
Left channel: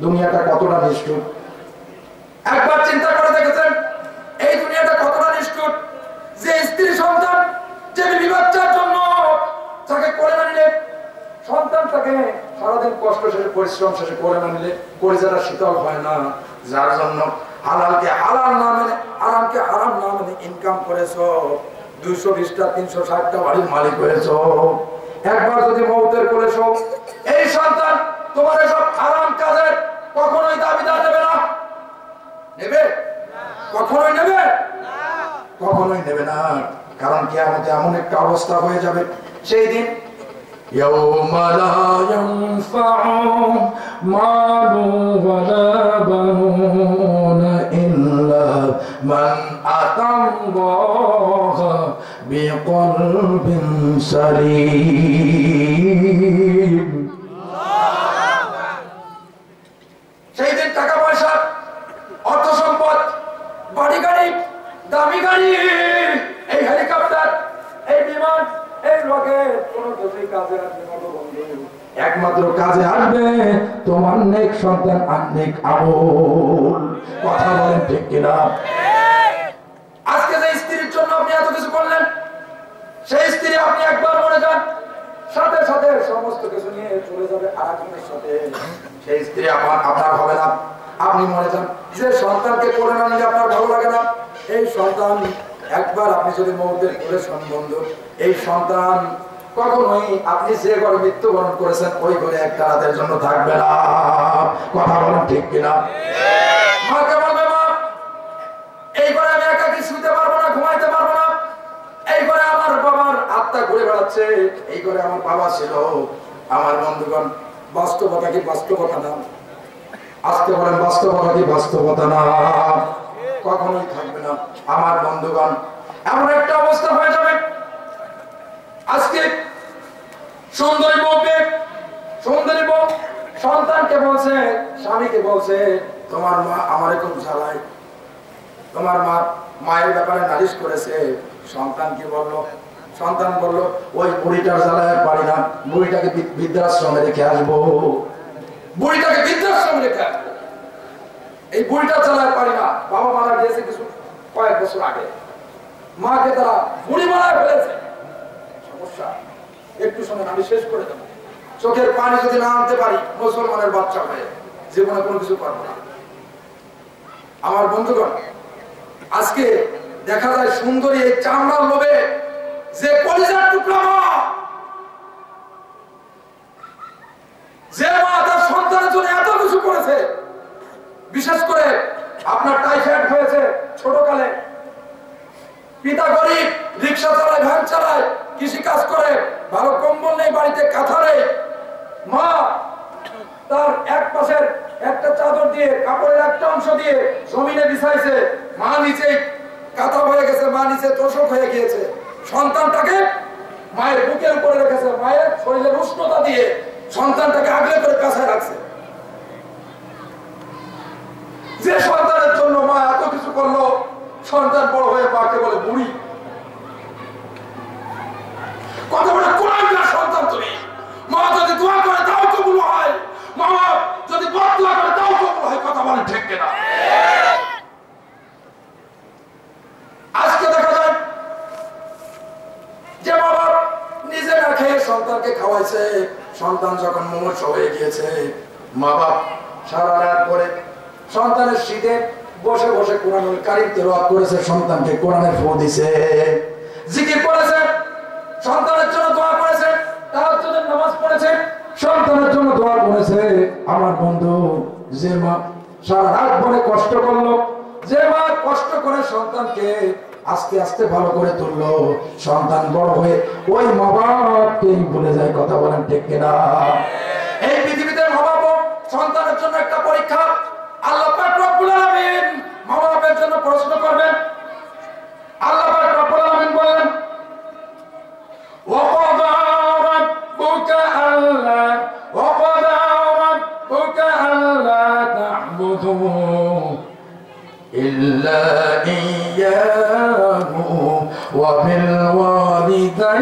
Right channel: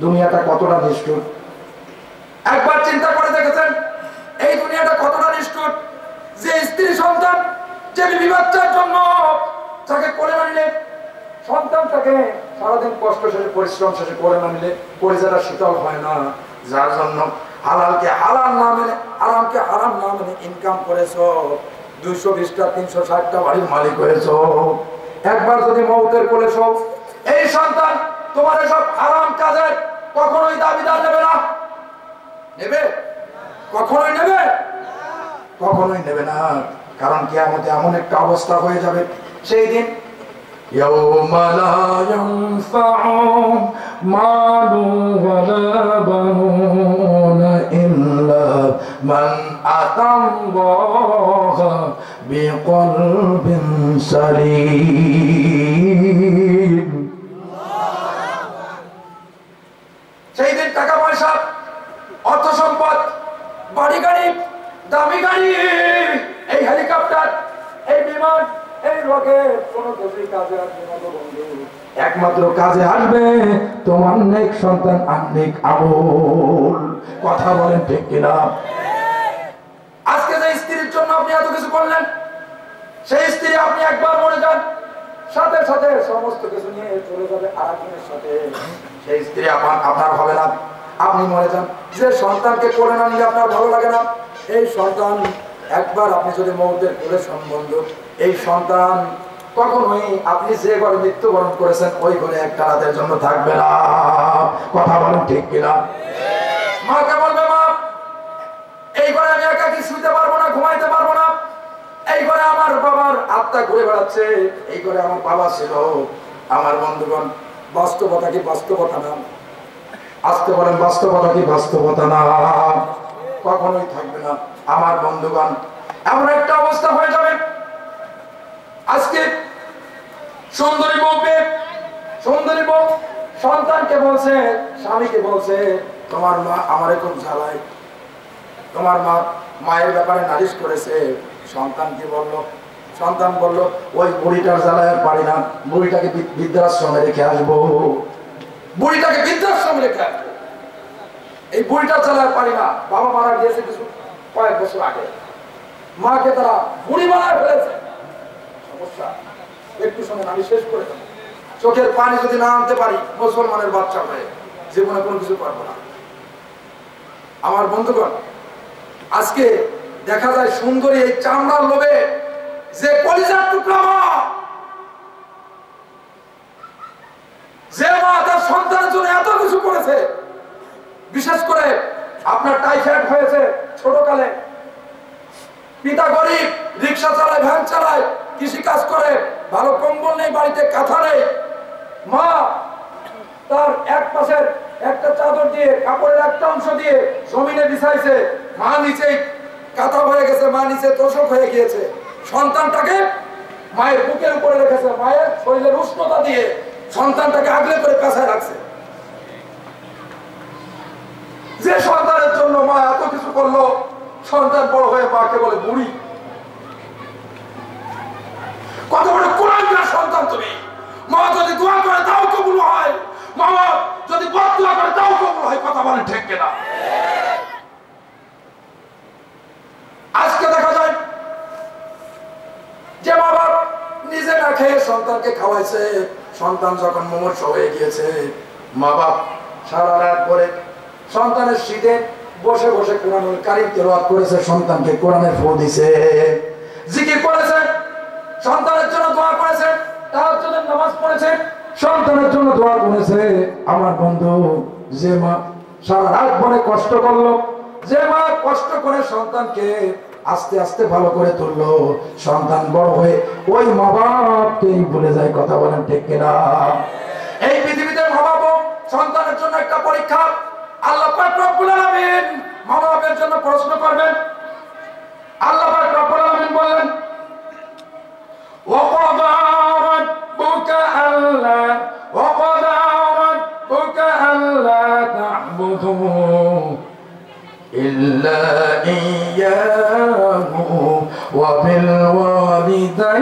দুনিয়াটা কতটা নিষ্ঠুর? একবার চিন্তা করে দেখেছেন এই দুনিয়াটা কতটা নিষ্ঠুর? যে স্ত্রী সন্তান, যে বিবি বাচ্চার জন্য তাকে কোলে না নিলে, সন্তানটাকে সারাদিন কষ্ট শেষে পরিশ্রম শেষে কোলে না নিলে কলিজাটা শীতল হয় না, যার জন্য হালালকে হালাল না মেনে, হারামকে হারাম না মেনে ইনকাম করেছো, 220টা 360টা বাড়ির মালিক হয়েছো, একবার যদি মৌতের করেছো, এই সন্তান তোমার এসব হারাম কাজের কখনোই দাবিদার নেবে না। নেবে? কখনোই নেবে? কখনোই নেবে না। কারণ কিয়ামতে এমন একটা অবস্থা হয়ে যাবে সেই দিন, ইয়াউমা লা ইয়ানফাউ মালু ওয়ালা বানুনা ইল্লা মান আতাল্লাহা বিকলবিন সালিম। সেই দিন টাকা পয়সা, অর্থ সম্পদ, বাড়ি গাড়ি, দামি গাড়ি, এই হেলিকপ্টার, এই বিমান, এই লোকে কোনো কিছুই কাজে আসবে না বন্ধু, একমাত্র কাজে আসবে তোমার নেক সন্তান আর নেক আমল। কথা বলেন ঠিক কিনা? আজকে যে স্ত্রীর জন্য আপনি এত কিছু করলেন, সেই স্ত্রী আপনি একবার মরে যান, সাথে সাথে সমস্ত কিছু নিয়ে চলে যাবে আরেকজনের সাথে। সেই স্ত্রী আপনার হবে না, আপনি মরে যান। যে সন্তানকে কোলে না নিলে আপনার ভালো লাগে না, এই সন্তান একবার আপনি যদি মৌতের কোলে সম্বন্ধ, এই সন্তান কখনোই আপনি যে ঘরে মৃত্যুবরণ করেছেন ওই ঘরে একটা রাতের জন্য থাকবে না। কথা বলেন ঠিক কিনা? মাকে বলবে, মা এই ঘরে আমি একাকি শুতে পারবো না, ঘুমাইতে পারবো না, এই ঘরে আমার বাবার আত্মা ঘুরে বেড়াচ্ছে, এই ঘরে আমার বাবা ছিল। আমার বন্ধুগণ, বাস্তবতা কি বাস্তবতা না? আজকে বলেন বাস্তবতা কি বাস্তবতা না? কখনোই থাকবে না। আমার বন্ধুগণ, এমন একটা অবস্থা হয়ে যাবে, আজকে সুন্দরী বউ সন্তানকে বলছে, স্বামীকে বলছে, তোমার মা আমারে খুব জ্বালায়, তোমার মায়ের ব্যাপারে নালিশ করেছে। সন্তান কি বলল? সন্তান বলল, ওই বুড়িটার জ্বালায় পারি না, বুড়িটাকে বৃদ্ধাশ্রমে রেখে আসবো, বুড়িটাকে বৃদ্ধাশ্রমে রেখে আসবো, এই বুড়িটার জ্বালায় পারি না। বাবা মারা গিয়েছে কিছু কয়েক বছর আগে, মাকে তারা বুড়ি বানায় ফেলেছে। সমস্যা, একটু সময় আমি শেষ করে দেবো। চোখের পানি যদি না আনতে পারি মুসলমানের বাচ্চা হয়ে, জীবনে কোনো কিছু পারবো না। আমার বন্ধুগণ, আজকে দেখা যায় সুন্দরী এই চামড়ার লোভে যে কলিজার টুকরা মা, যে মা তার সন্তানের জন্য এত কিছু করেছে, বিশেষ করে আপনার টাইফয়েড হয়েছে ছোটকালে, পিতা গরিব, রিক্সা চালায়, ভ্যান চালায়, কৃষি কাজ করে, ভালো কম্বল নেই, বাড়িতে কাঁথা নেই, মা তার এক পাশের একটা চাদর দিয়ে, কাপড়ের একটা অংশ দিয়ে জমিনে বিছাইছে, মা নিচে কাঁথা হয়ে গেছে, মা নিচে তোষক হয়ে গিয়েছে, সন্তানটাকে মায়ের বুকের উপরে রেখেছে, মায়ের শরীরের উষ্ণতা দিয়ে সন্তানটাকে আগলে করে কাছে রাখছে। যে সন্তানের জন্য মা এত কিছু করলো, সন্তান বড় হয়ে মাকে বলে বুড়ি। কত বড় কোরআনের সন্তান তুমি! মা যদি দোয়া করে তাও কবুল হয়, মা যদি বদদোয়া করে তাও কবুল হয়। কথা বলেন ঠিক কিনা? আজকে দেখা যায় যে মা বাপ নিজে না খেয়ে সন্তানকে খাওয়াইছে, সন্তান যখন মুমূর্ষু হয়ে গিয়েছে, মা বাপ সারা রাত পরে সন্তানের শীতে বসে বসে কোরআনুল কারীম তেলাওয়াত করেছে, সন্তানকে কোরআনের ফু দিছে, জিকির করেছে, সন্তানের জন্য দোয়া করেছে, তাহাজ্জুদের নামাজ পড়েছে, সন্তানের জন্য দোয়া করেছে। আমার বন্ধু, যে মা সারা রাত ভরে কষ্ট করলো, যে মা কষ্ট করে সন্তানকে আস্তে আস্তে ভালো করে তুললো, সন্তান বড় হয়ে ওই মা বাপকেই ভুলে যায়। কথা বলেন ঠিক কিনা? এই পৃথিবীতে মা বাপ সন্তানের জন্য একটা পরীক্ষা। আল্লাহ পাক রব্বুল আলামিন মা বাপের জন্য প্রশ্ন করবেন। আল্লাহ পাক রব্বুল আলামিন বলেন, وقضى ربك ألا تعبدوا إلا إياه وبالوالدين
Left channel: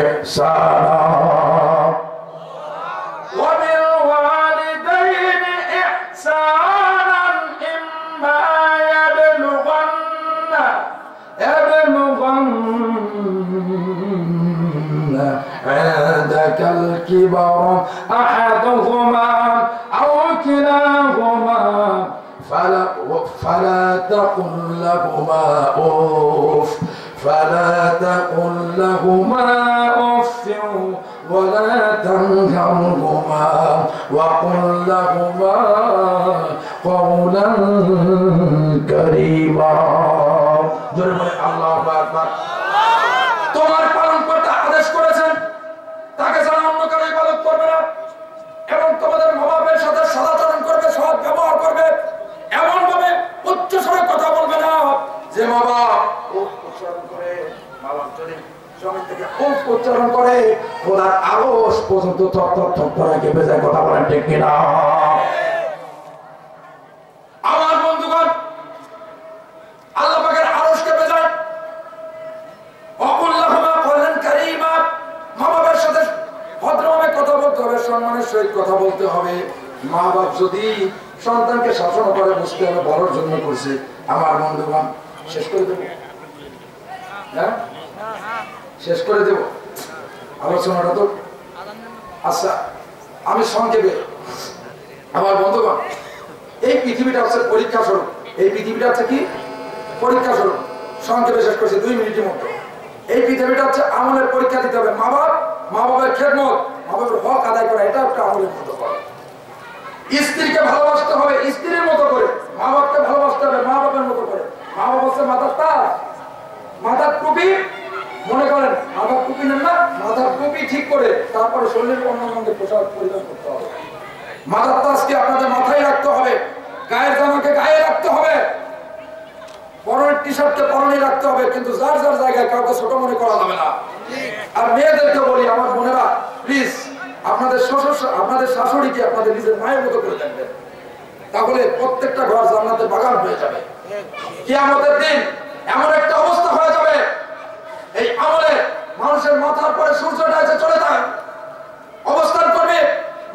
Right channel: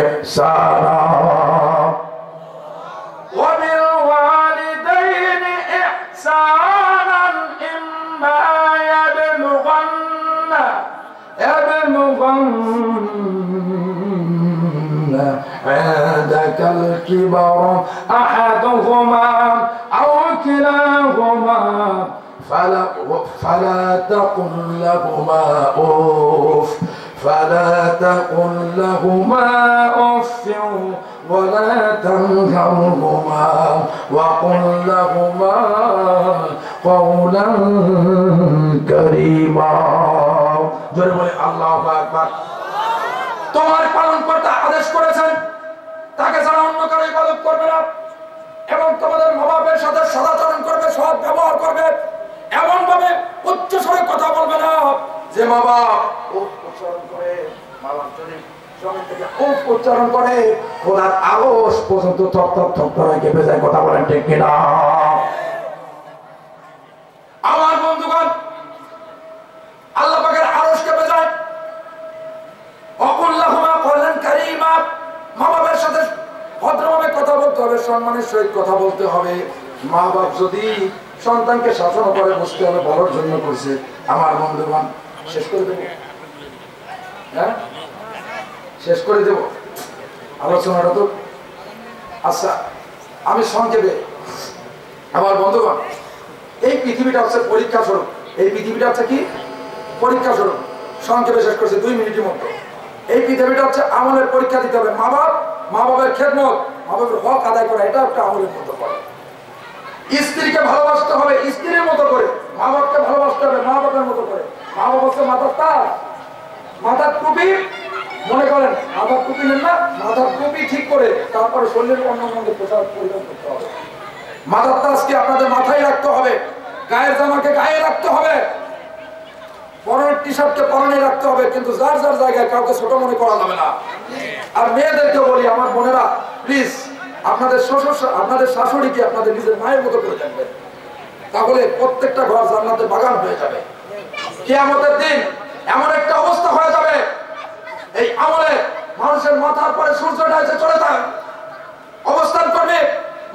إحسانا إما يبلغن عندك الكبر أحدهما أو كلاهما فلا تقل لهما أف ولا تنهرهما وقل لهما قولا كريما। জোরে বলে আল্লাহু আকবার। তোমার পালনকর্তা আদেশ করেছেন তাকে ছাড়া অন্য কারো ইবাদত করবে না, এবং তোমাদের মা বাপের সাথে সদাচরণ করবে, সৎ ব্যবহার করবে, এমন ভাবে উচ্চ স্বরে কথা বলবে না যে মা বাপ উচ্চারণ করে, মা বাপ যদি জমিন থেকে উচ্চারণ করে খোদার আরশ পর্যন্ত থপ থপ থপ করে কেঁপে যায়। কথা বলেন ঠিক কিনা? আমার বন্ধুগণ, আল্লাহ পাকের আরশ কেঁপে যায়। অকুল্লাহুমা কওলান কারীম সম্মানের সহিত কথা বলতে হবে। মা বাপ যদি সন্তানকে শাসন করে বুঝতে হবে বড়র জন্য করছে। আমার বন্ধুগণ, শেষ করে দেব, হ্যাঁ শেষ করে দেব আলোচনাটা তো। আচ্ছা, আমি সংক্ষেপে, আমার বন্ধুগণ, এই পৃথিবীটা হচ্ছে পরীক্ষা স্বরূপ। এই পৃথিবীটা হচ্ছে কি পরীক্ষা স্বরূপ। সংক্ষেপে শেষ করছি 2 মিনিটের মতো। এই পৃথিবীটা হচ্ছে আমলের পরীক্ষা দিতে হবে। মা বাবার খেদমত, মা বাবার হক আদায় করা, এটা একটা আমলের মতো করে। স্ত্রীকে ভালোবাসতে হবে স্ত্রীর মতো করে, মা বাপকে ভালোবাসতে হবে মা বাবার মতো করে। মা বাবা হচ্ছে মাথার তাজ, মাথার টুপি। মনে করেন মাথার টুপি নেন না, মাথার টুপি ঠিক করে তারপরে শরীরের অন্য অঙ্গের পোশাক পরিধান করতে হবে। মাথার তাজকে আপনাদের মাথায় রাখতে হবে, গায়ের জামাকে গায়ে রাখতে হবে, পরনের টি শার্টকে পরনে রাখতে হবে, কিন্তু যার যার জায়গায় কাউকে ছোট মনে করা যাবে না। আর মেয়েদেরকে বলি, আমার বোনেরা প্লিজ আপনাদের শাশুড়িকে আপনাদের নিজের মায়ের মতো করে দেখবেন, তাহলে প্রত্যেকটা ঘর জান্নাতের বাগান হয়ে যাবে। কিয়ামতের দিন এমন একটা অবস্থা হয়ে যাবে, এই আমলে মানুষের মাথার পরে সূর্যটা এসে চলে যায়, অবস্থান করবে।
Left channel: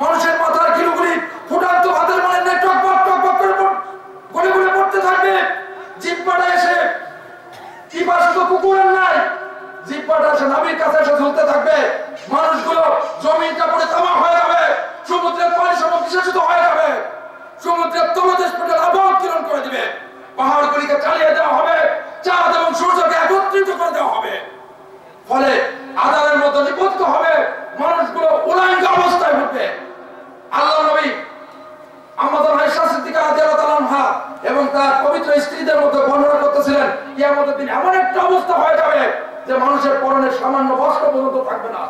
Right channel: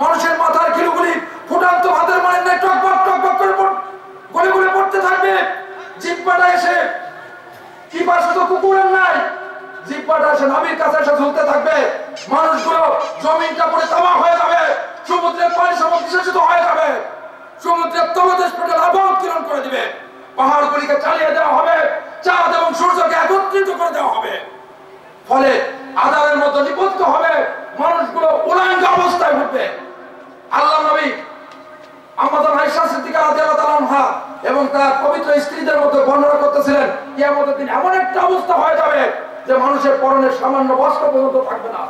মানুষের মাথার কিলুগুলি ফুটান্ত ভাতের মানে টকবক টকবক করে গলে গলে পড়তে থাকবে। জিহ্বাটা এসে কি পাশে তো কুকুরের নাই, জিহ্বাটা এসে নাভির কাছে এসে ঝুলতে থাকবে। মানুষগুলো জমিনটা পড়ে তামা হয়ে যাবে, সমুদ্রের পানি সমুদ্রিত হয়ে যাবে, সমুদ্রের তলদেশ পেটে আবহ উত্তোলন করে দিবে, পাহাড়গুলিকে চালিয়ে দেওয়া হবে, চাঁদ এবং সূর্যকে একত্রিত করে দেওয়া হবে। ফলে আধারের মতো নিপতিত হবে, মানুষগুলো উলাঙ্গ অবস্থায় উঠবে। আল্লাহ নবী আমাদের আয়েশা সিদ্দিকা রাদিয়াল্লাহু তাআলা আনহা এবং তার পবিত্র স্ত্রীদের মধ্যে বর্ণনা করতেছিলেন, কিয়ামতের দিন এমন একটা অবস্থা হয়ে যাবে যে মানুষের পরনের সামান্য বস্ত্র পর্যন্ত থাকবে না,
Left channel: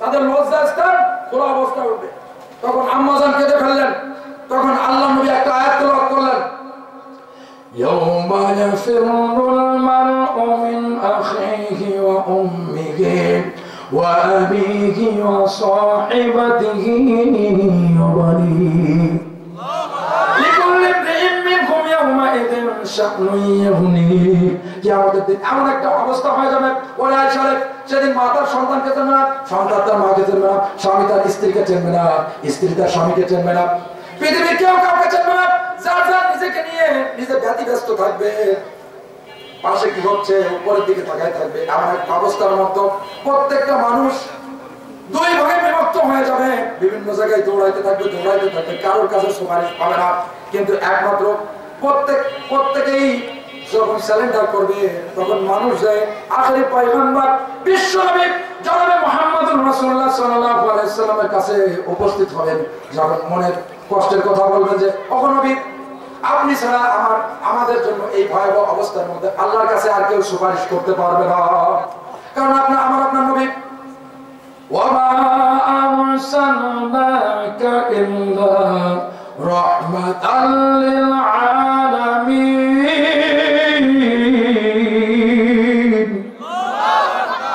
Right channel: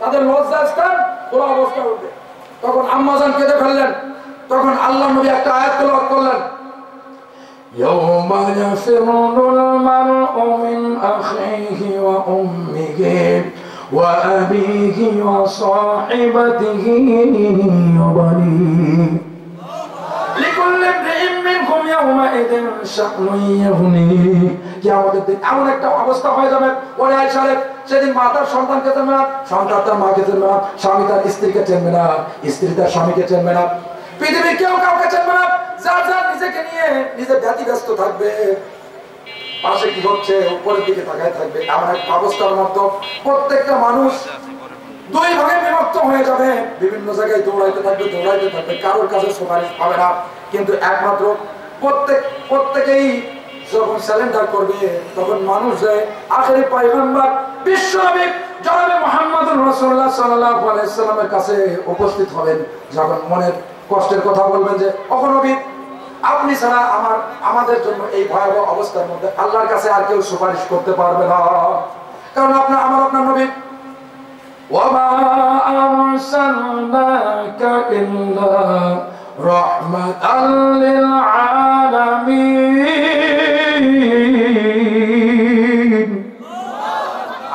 তাদের লজ্জাস্থান খোলা অবস্থা উঠবে। তখন আম্মা জান কেঁদে ফেললেন। তখন আল্লাহ নবী একটা আয়াত তেলাওয়াত করলেন, ইয়াউমা ইয়াফিরুল মার'উ মিন আখিহি ওয়া উম্মিহি ওয়া আবিহি ওয়া সাহিবাতিহি ওয়া বানিহি লিকুল্লি ইমরিইন মিনকুম ইয়াউমাইযিন শা'নুন ইউগনিহি। কিয়ামতের দিন এমন একটা অবস্থা হয়ে যাবে, ওরে আয়েশা, সেদিন মা তার সন্তানকে চিনবে না, সন্তান তার মাকে চিনবে না, স্বামী তার স্ত্রীকে চিনবে না, স্ত্রী তার স্বামীকে চিনবে না, পৃথিবীর কেউ কাউকে চিনবে না। যার যার নিজেকে নিয়ে নিজে ব্যতিব্যস্ত থাকবে, পাশে কি হচ্ছে উপরের দিকে তাকায় থাকবে। এমন একটা অবস্থার মধ্যে প্রত্যেকটা মানুষ 2 ভাগে বিভক্ত হয়ে যাবে, বিভিন্ন জায়গায় দৌড়াইতে থাকবে, কারোর কাছে সুপারিশ পাবে না। কিন্তু একমাত্র প্রত্যেকেই যখন স্যালেন্ডার করবে, তখন মানুষ যায় আখেরি পয়গম্বর বিশ্বনবী জনাবে মুহাম্মদুর রাসূলুল্লাহ সাল্লাল্লাহু আলাইহি সাল্লামের কাছে উপস্থিত হবেন। যখন মনের কষ্টের কথা বলবেন যে ওগো নবী, আপনি ছাড়া আমাদের জন্য এই ভয়াবহ অবস্থার মধ্যে আল্লাহর কাছে আর কেউ সুপারিশ করতে পারবে না, কারণ আপনার নবী ওয়ামা আরসালনাকা ইল্লা রাহমাতাল লিল আলামিন।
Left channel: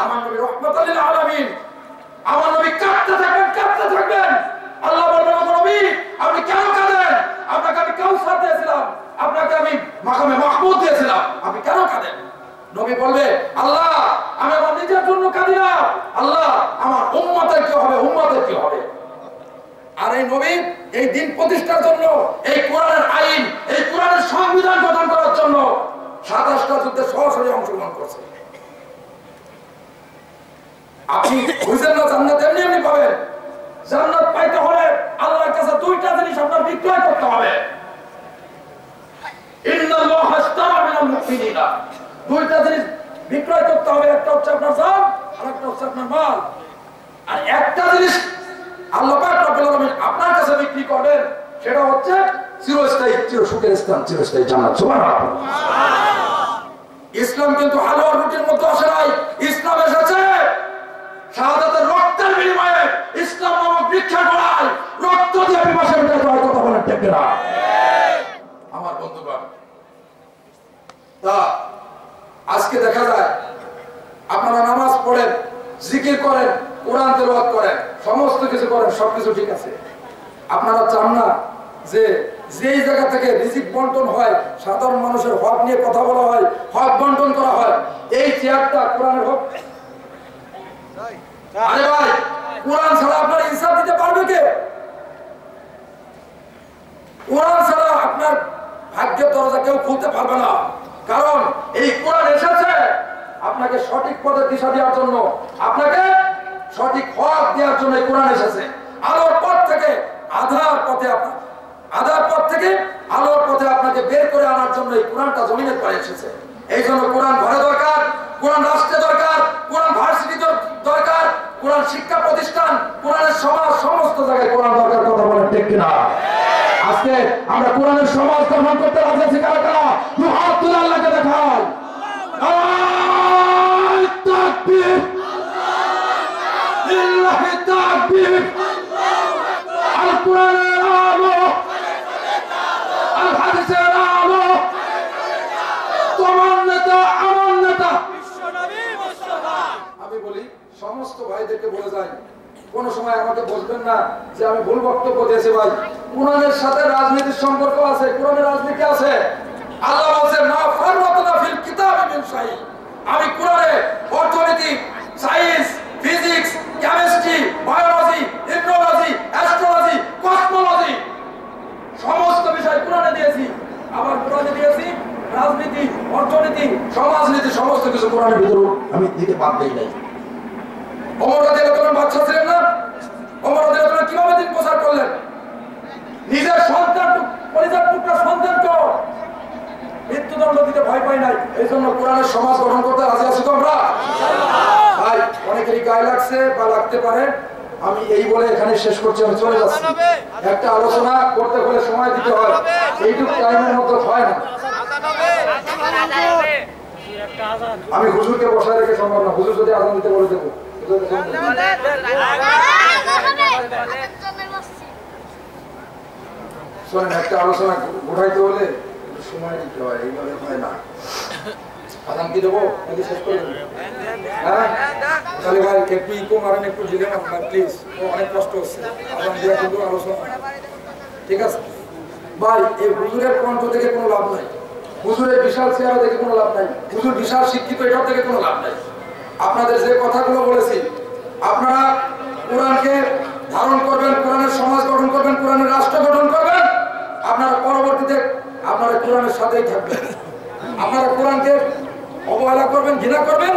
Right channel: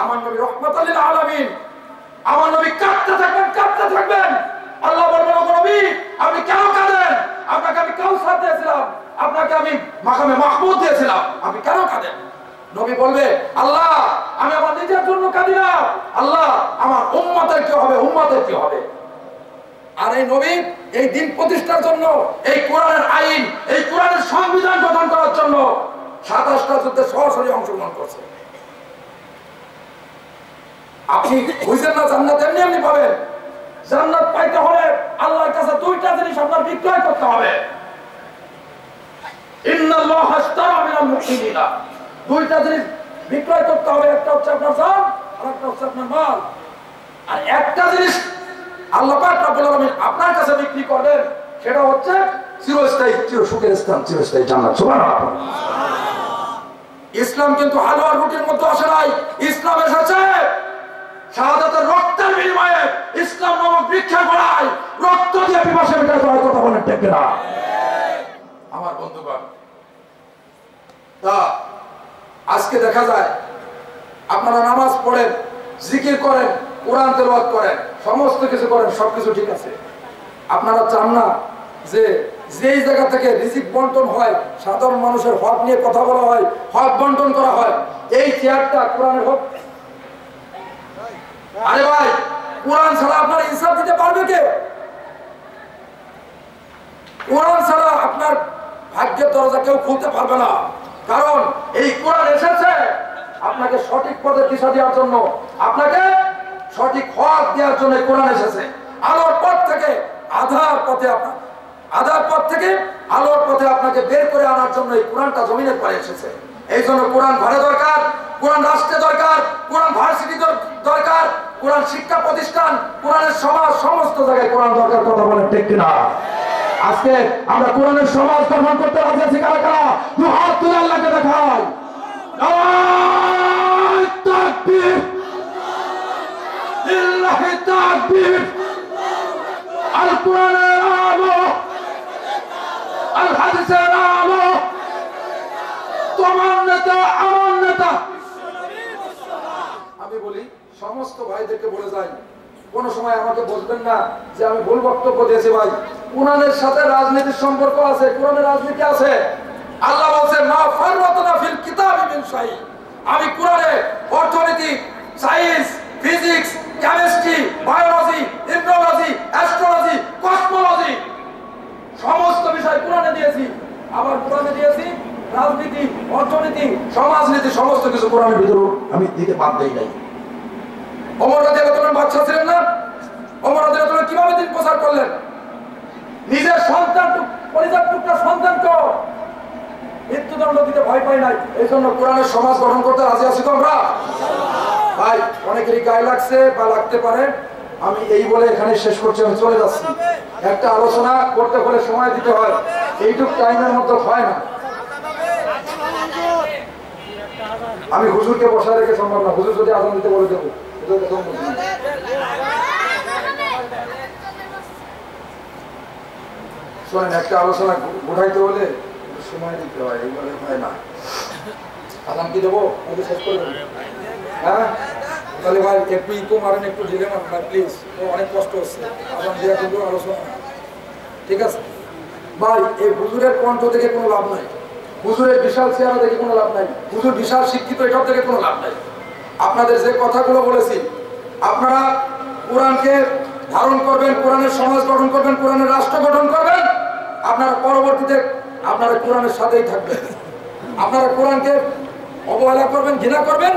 আমার নবী রাহমাতাল লিল আলামিন। আমার নবী কাঁদতে থাকবেন। আল্লাহ বলবেন, ওগো নবী, আপনি কেন কাঁদেন? আপনাকে আমি কাউসার দিয়েছিলাম, আপনাকে আমি মাকামে মাহমুদ দিয়েছিলাম, আপনি কেন কাঁদেন? নবী বলবে, আল্লাহ, আমি আমার নিজের জন্য কাঁদি না, আল্লাহ আমার উম্মতের কি হবে। আর এই নবী এই দিন প্রতিষ্ঠার জন্য, এই কোরআনের আইন, এই কোরআনের সংবিধান গঠন করার জন্য 27টা যুদ্ধে সরাসরি অংশগ্রহণ করছে। আপনি বুঝেন না জান্নাত এমনি পাবেন। জান্নাত পাইতে হলে আল্লাহর কাছে 2টা জিনিস আপনার বিক্রয় করতে হবে। ইন্নাল্লাহা আশতারা মিনাল মুমিনিনা, 2টা জিনিস বিক্রয় করতে হবে। একটা হচ্ছে আপনার জান, আর একটা হচ্ছে আপনার মাল। আর একটা জিনিস আল্লাহ পাক রব্বুল আলামিন আপনার কাছে বিক্রি করবেন, সেটা হচ্ছে চিরস্থায়ী, চিরসুখের স্থান, চিরস্থায়ী জান্নাত। সুবহানাল্লাহ। ইসলাম কিন্তু হালুয়া রুটির মধ্যে আসে নাই। ইসলাম এসেছে শাহাদাতের রক্তের বিনিময়ে, ইসলাম নামক বৃক্ষের গোড়ায় রক্ত দিয়ে পিপাসা মেটাতে হয়। কথা বলেন ঠিক না? আমার বন্ধুগণ, তা আজকে দেখা যায় আপনারা নামাজ পড়েন, জিকির করেন, কোরআন তেলাওয়াত করেন, সমস্ত কিছু করেন, সবকিছু ঠিক আছে। আপনারা চান না যে যেই জায়গা থেকে রিজিক বন্টন হয়, সাধারণ মানুষের হক নিয়ে কথা বলা হয়, হক বন্টন করা হয়, এই চেয়ারটা কোরআনের হক। আরে ভাই, কোরআন ছাড়া আপনার ইনসাফ দিতে পারবে কে? কোরআন ছাড়া আপনার ভাগ্যের দরজা কেউ খুলতে পারবে না। কারণ এই কোরআন এসেছে আপনাকে সঠিক পথে দিশা দেওয়ার জন্য, আপনাকে সঠিক হক দেওয়ার জন্য কোরআন এসেছে। আলোর পথ থেকে আধার পথে, আধার পথ থেকে আলোর পথে আপনাকে বের করে আনার জন্য এই কোরআনটা জমিনের পরে এসেছে। এই জন্য কোরআন ঘরে দরকার, কোরআন রাষ্ট্রে দরকার, কোরআন ভার্সিটি দরকার, কোরআন শিক্ষা প্রতিষ্ঠান, কোরআনের সমাজ, সমস্ত জায়গায় কোরআন দরকার। কথা বলেন ঠিক কিনা? আজকে আমরা কোরআনের সমাজ গঠন করতে রাজি আছি কারা কারা? দু হাত তুলে আল্লাহকে দেখাই। নারায়ে তাকবীর, লিল্লাহি তাকবীর। আল কোরআনের আলো, আল হাদিসের আলো, তোমার নেতা আমার নেতা। আমি বলি সমস্ত ভাইদেরকে বলে যাই, কোন সময় আমাকে বলবেন না যে আমি ভুল বক্তব্য দিয়েছি। ভাই, কোরআনের সাথে রাজনীতির সম্পর্ক আছে, কোরআনের রাজনীতি আছে। আল্লাহ বলছে মা ফাররাতনা ফিল কিতাবি মিন শাই। আমি কোরআনে অর্থনীতি, science, physics, chemistry, biology, ecology, astrology, cosmology সমস্ত বিষয় কোরআনে দিয়েছি। আবার কোরআনে দিয়েছি রাজনীতি, অর্থনীতি, সমাজনীতি, সমস্ত কিছু কোরআনের ভিতরে আমি দিতে বাদ দেই নাই। ওমর রাদিয়াল্লাহু তাআলা বাদশা ছিলেন না? ওমর রাদিয়াল্লাহু তাআলা কিভাবে দিন প্রচার করলেন? নিজের সন্তান, পরিবার টুকরা সন্তানকে মৃত্যুদণ্ড দিতে ভয় পাই নাই। এই জন্য কোরআনের সমাজ গঠন করতে রাজি আছি তো আমরা। ভাই, অনেকেরই গায়ে লাগছে বা লাগতে পারে, আমি এই বলে এখানে শেষ করছি, আমি চলে যাচ্ছি। একটা আলোচনা করতে হলে সময় দিতে হয়, এইটুকু টাইমের মধ্যে হয় না। আমি হুজুরকে বসায় রেখে সম্ভব না, হুজুর যদি আজান দিতে বলে দেবো। শোনেন, একটা আলোচনা উঠাইতে হলে সময় দিতে হয়, এইভাবে হয় না। আজান কি দেবো নাকি শেষ করে দেবো? হ্যাঁ, তাহলে ভাই একটু ইকো মারেন, একটু ঢিলে মারেন ভাই প্লিজ, অনেক কষ্ট হচ্ছে আজান দেওয়া, কিন্তু আলোচনা ঠিক আছে। ভাই, এই হুজুরের কণ্ঠ থেকে কোনো লাভ নাই, হুজুরের বিশাল চেহারা থেকে কোনো লাভ নাই, হুজুর বিশাল শিক্ষিত, এটার থেকে কোনো লাভ নাই। আপনাদের যে কথাগুলো বলেছি, আপনারা কোরআনকে ধারণ করবেন, কোরআনের সমাজ গঠন করবেন, কোরআনের রাষ্ট্র গঠন করবেন, আপনারা পরবর্তীতে আপনারা কোরআনের সাথেই থাকবেন। আপনারা কোরআনকে অবহেলা করবেন, ঘৃণা করবেন,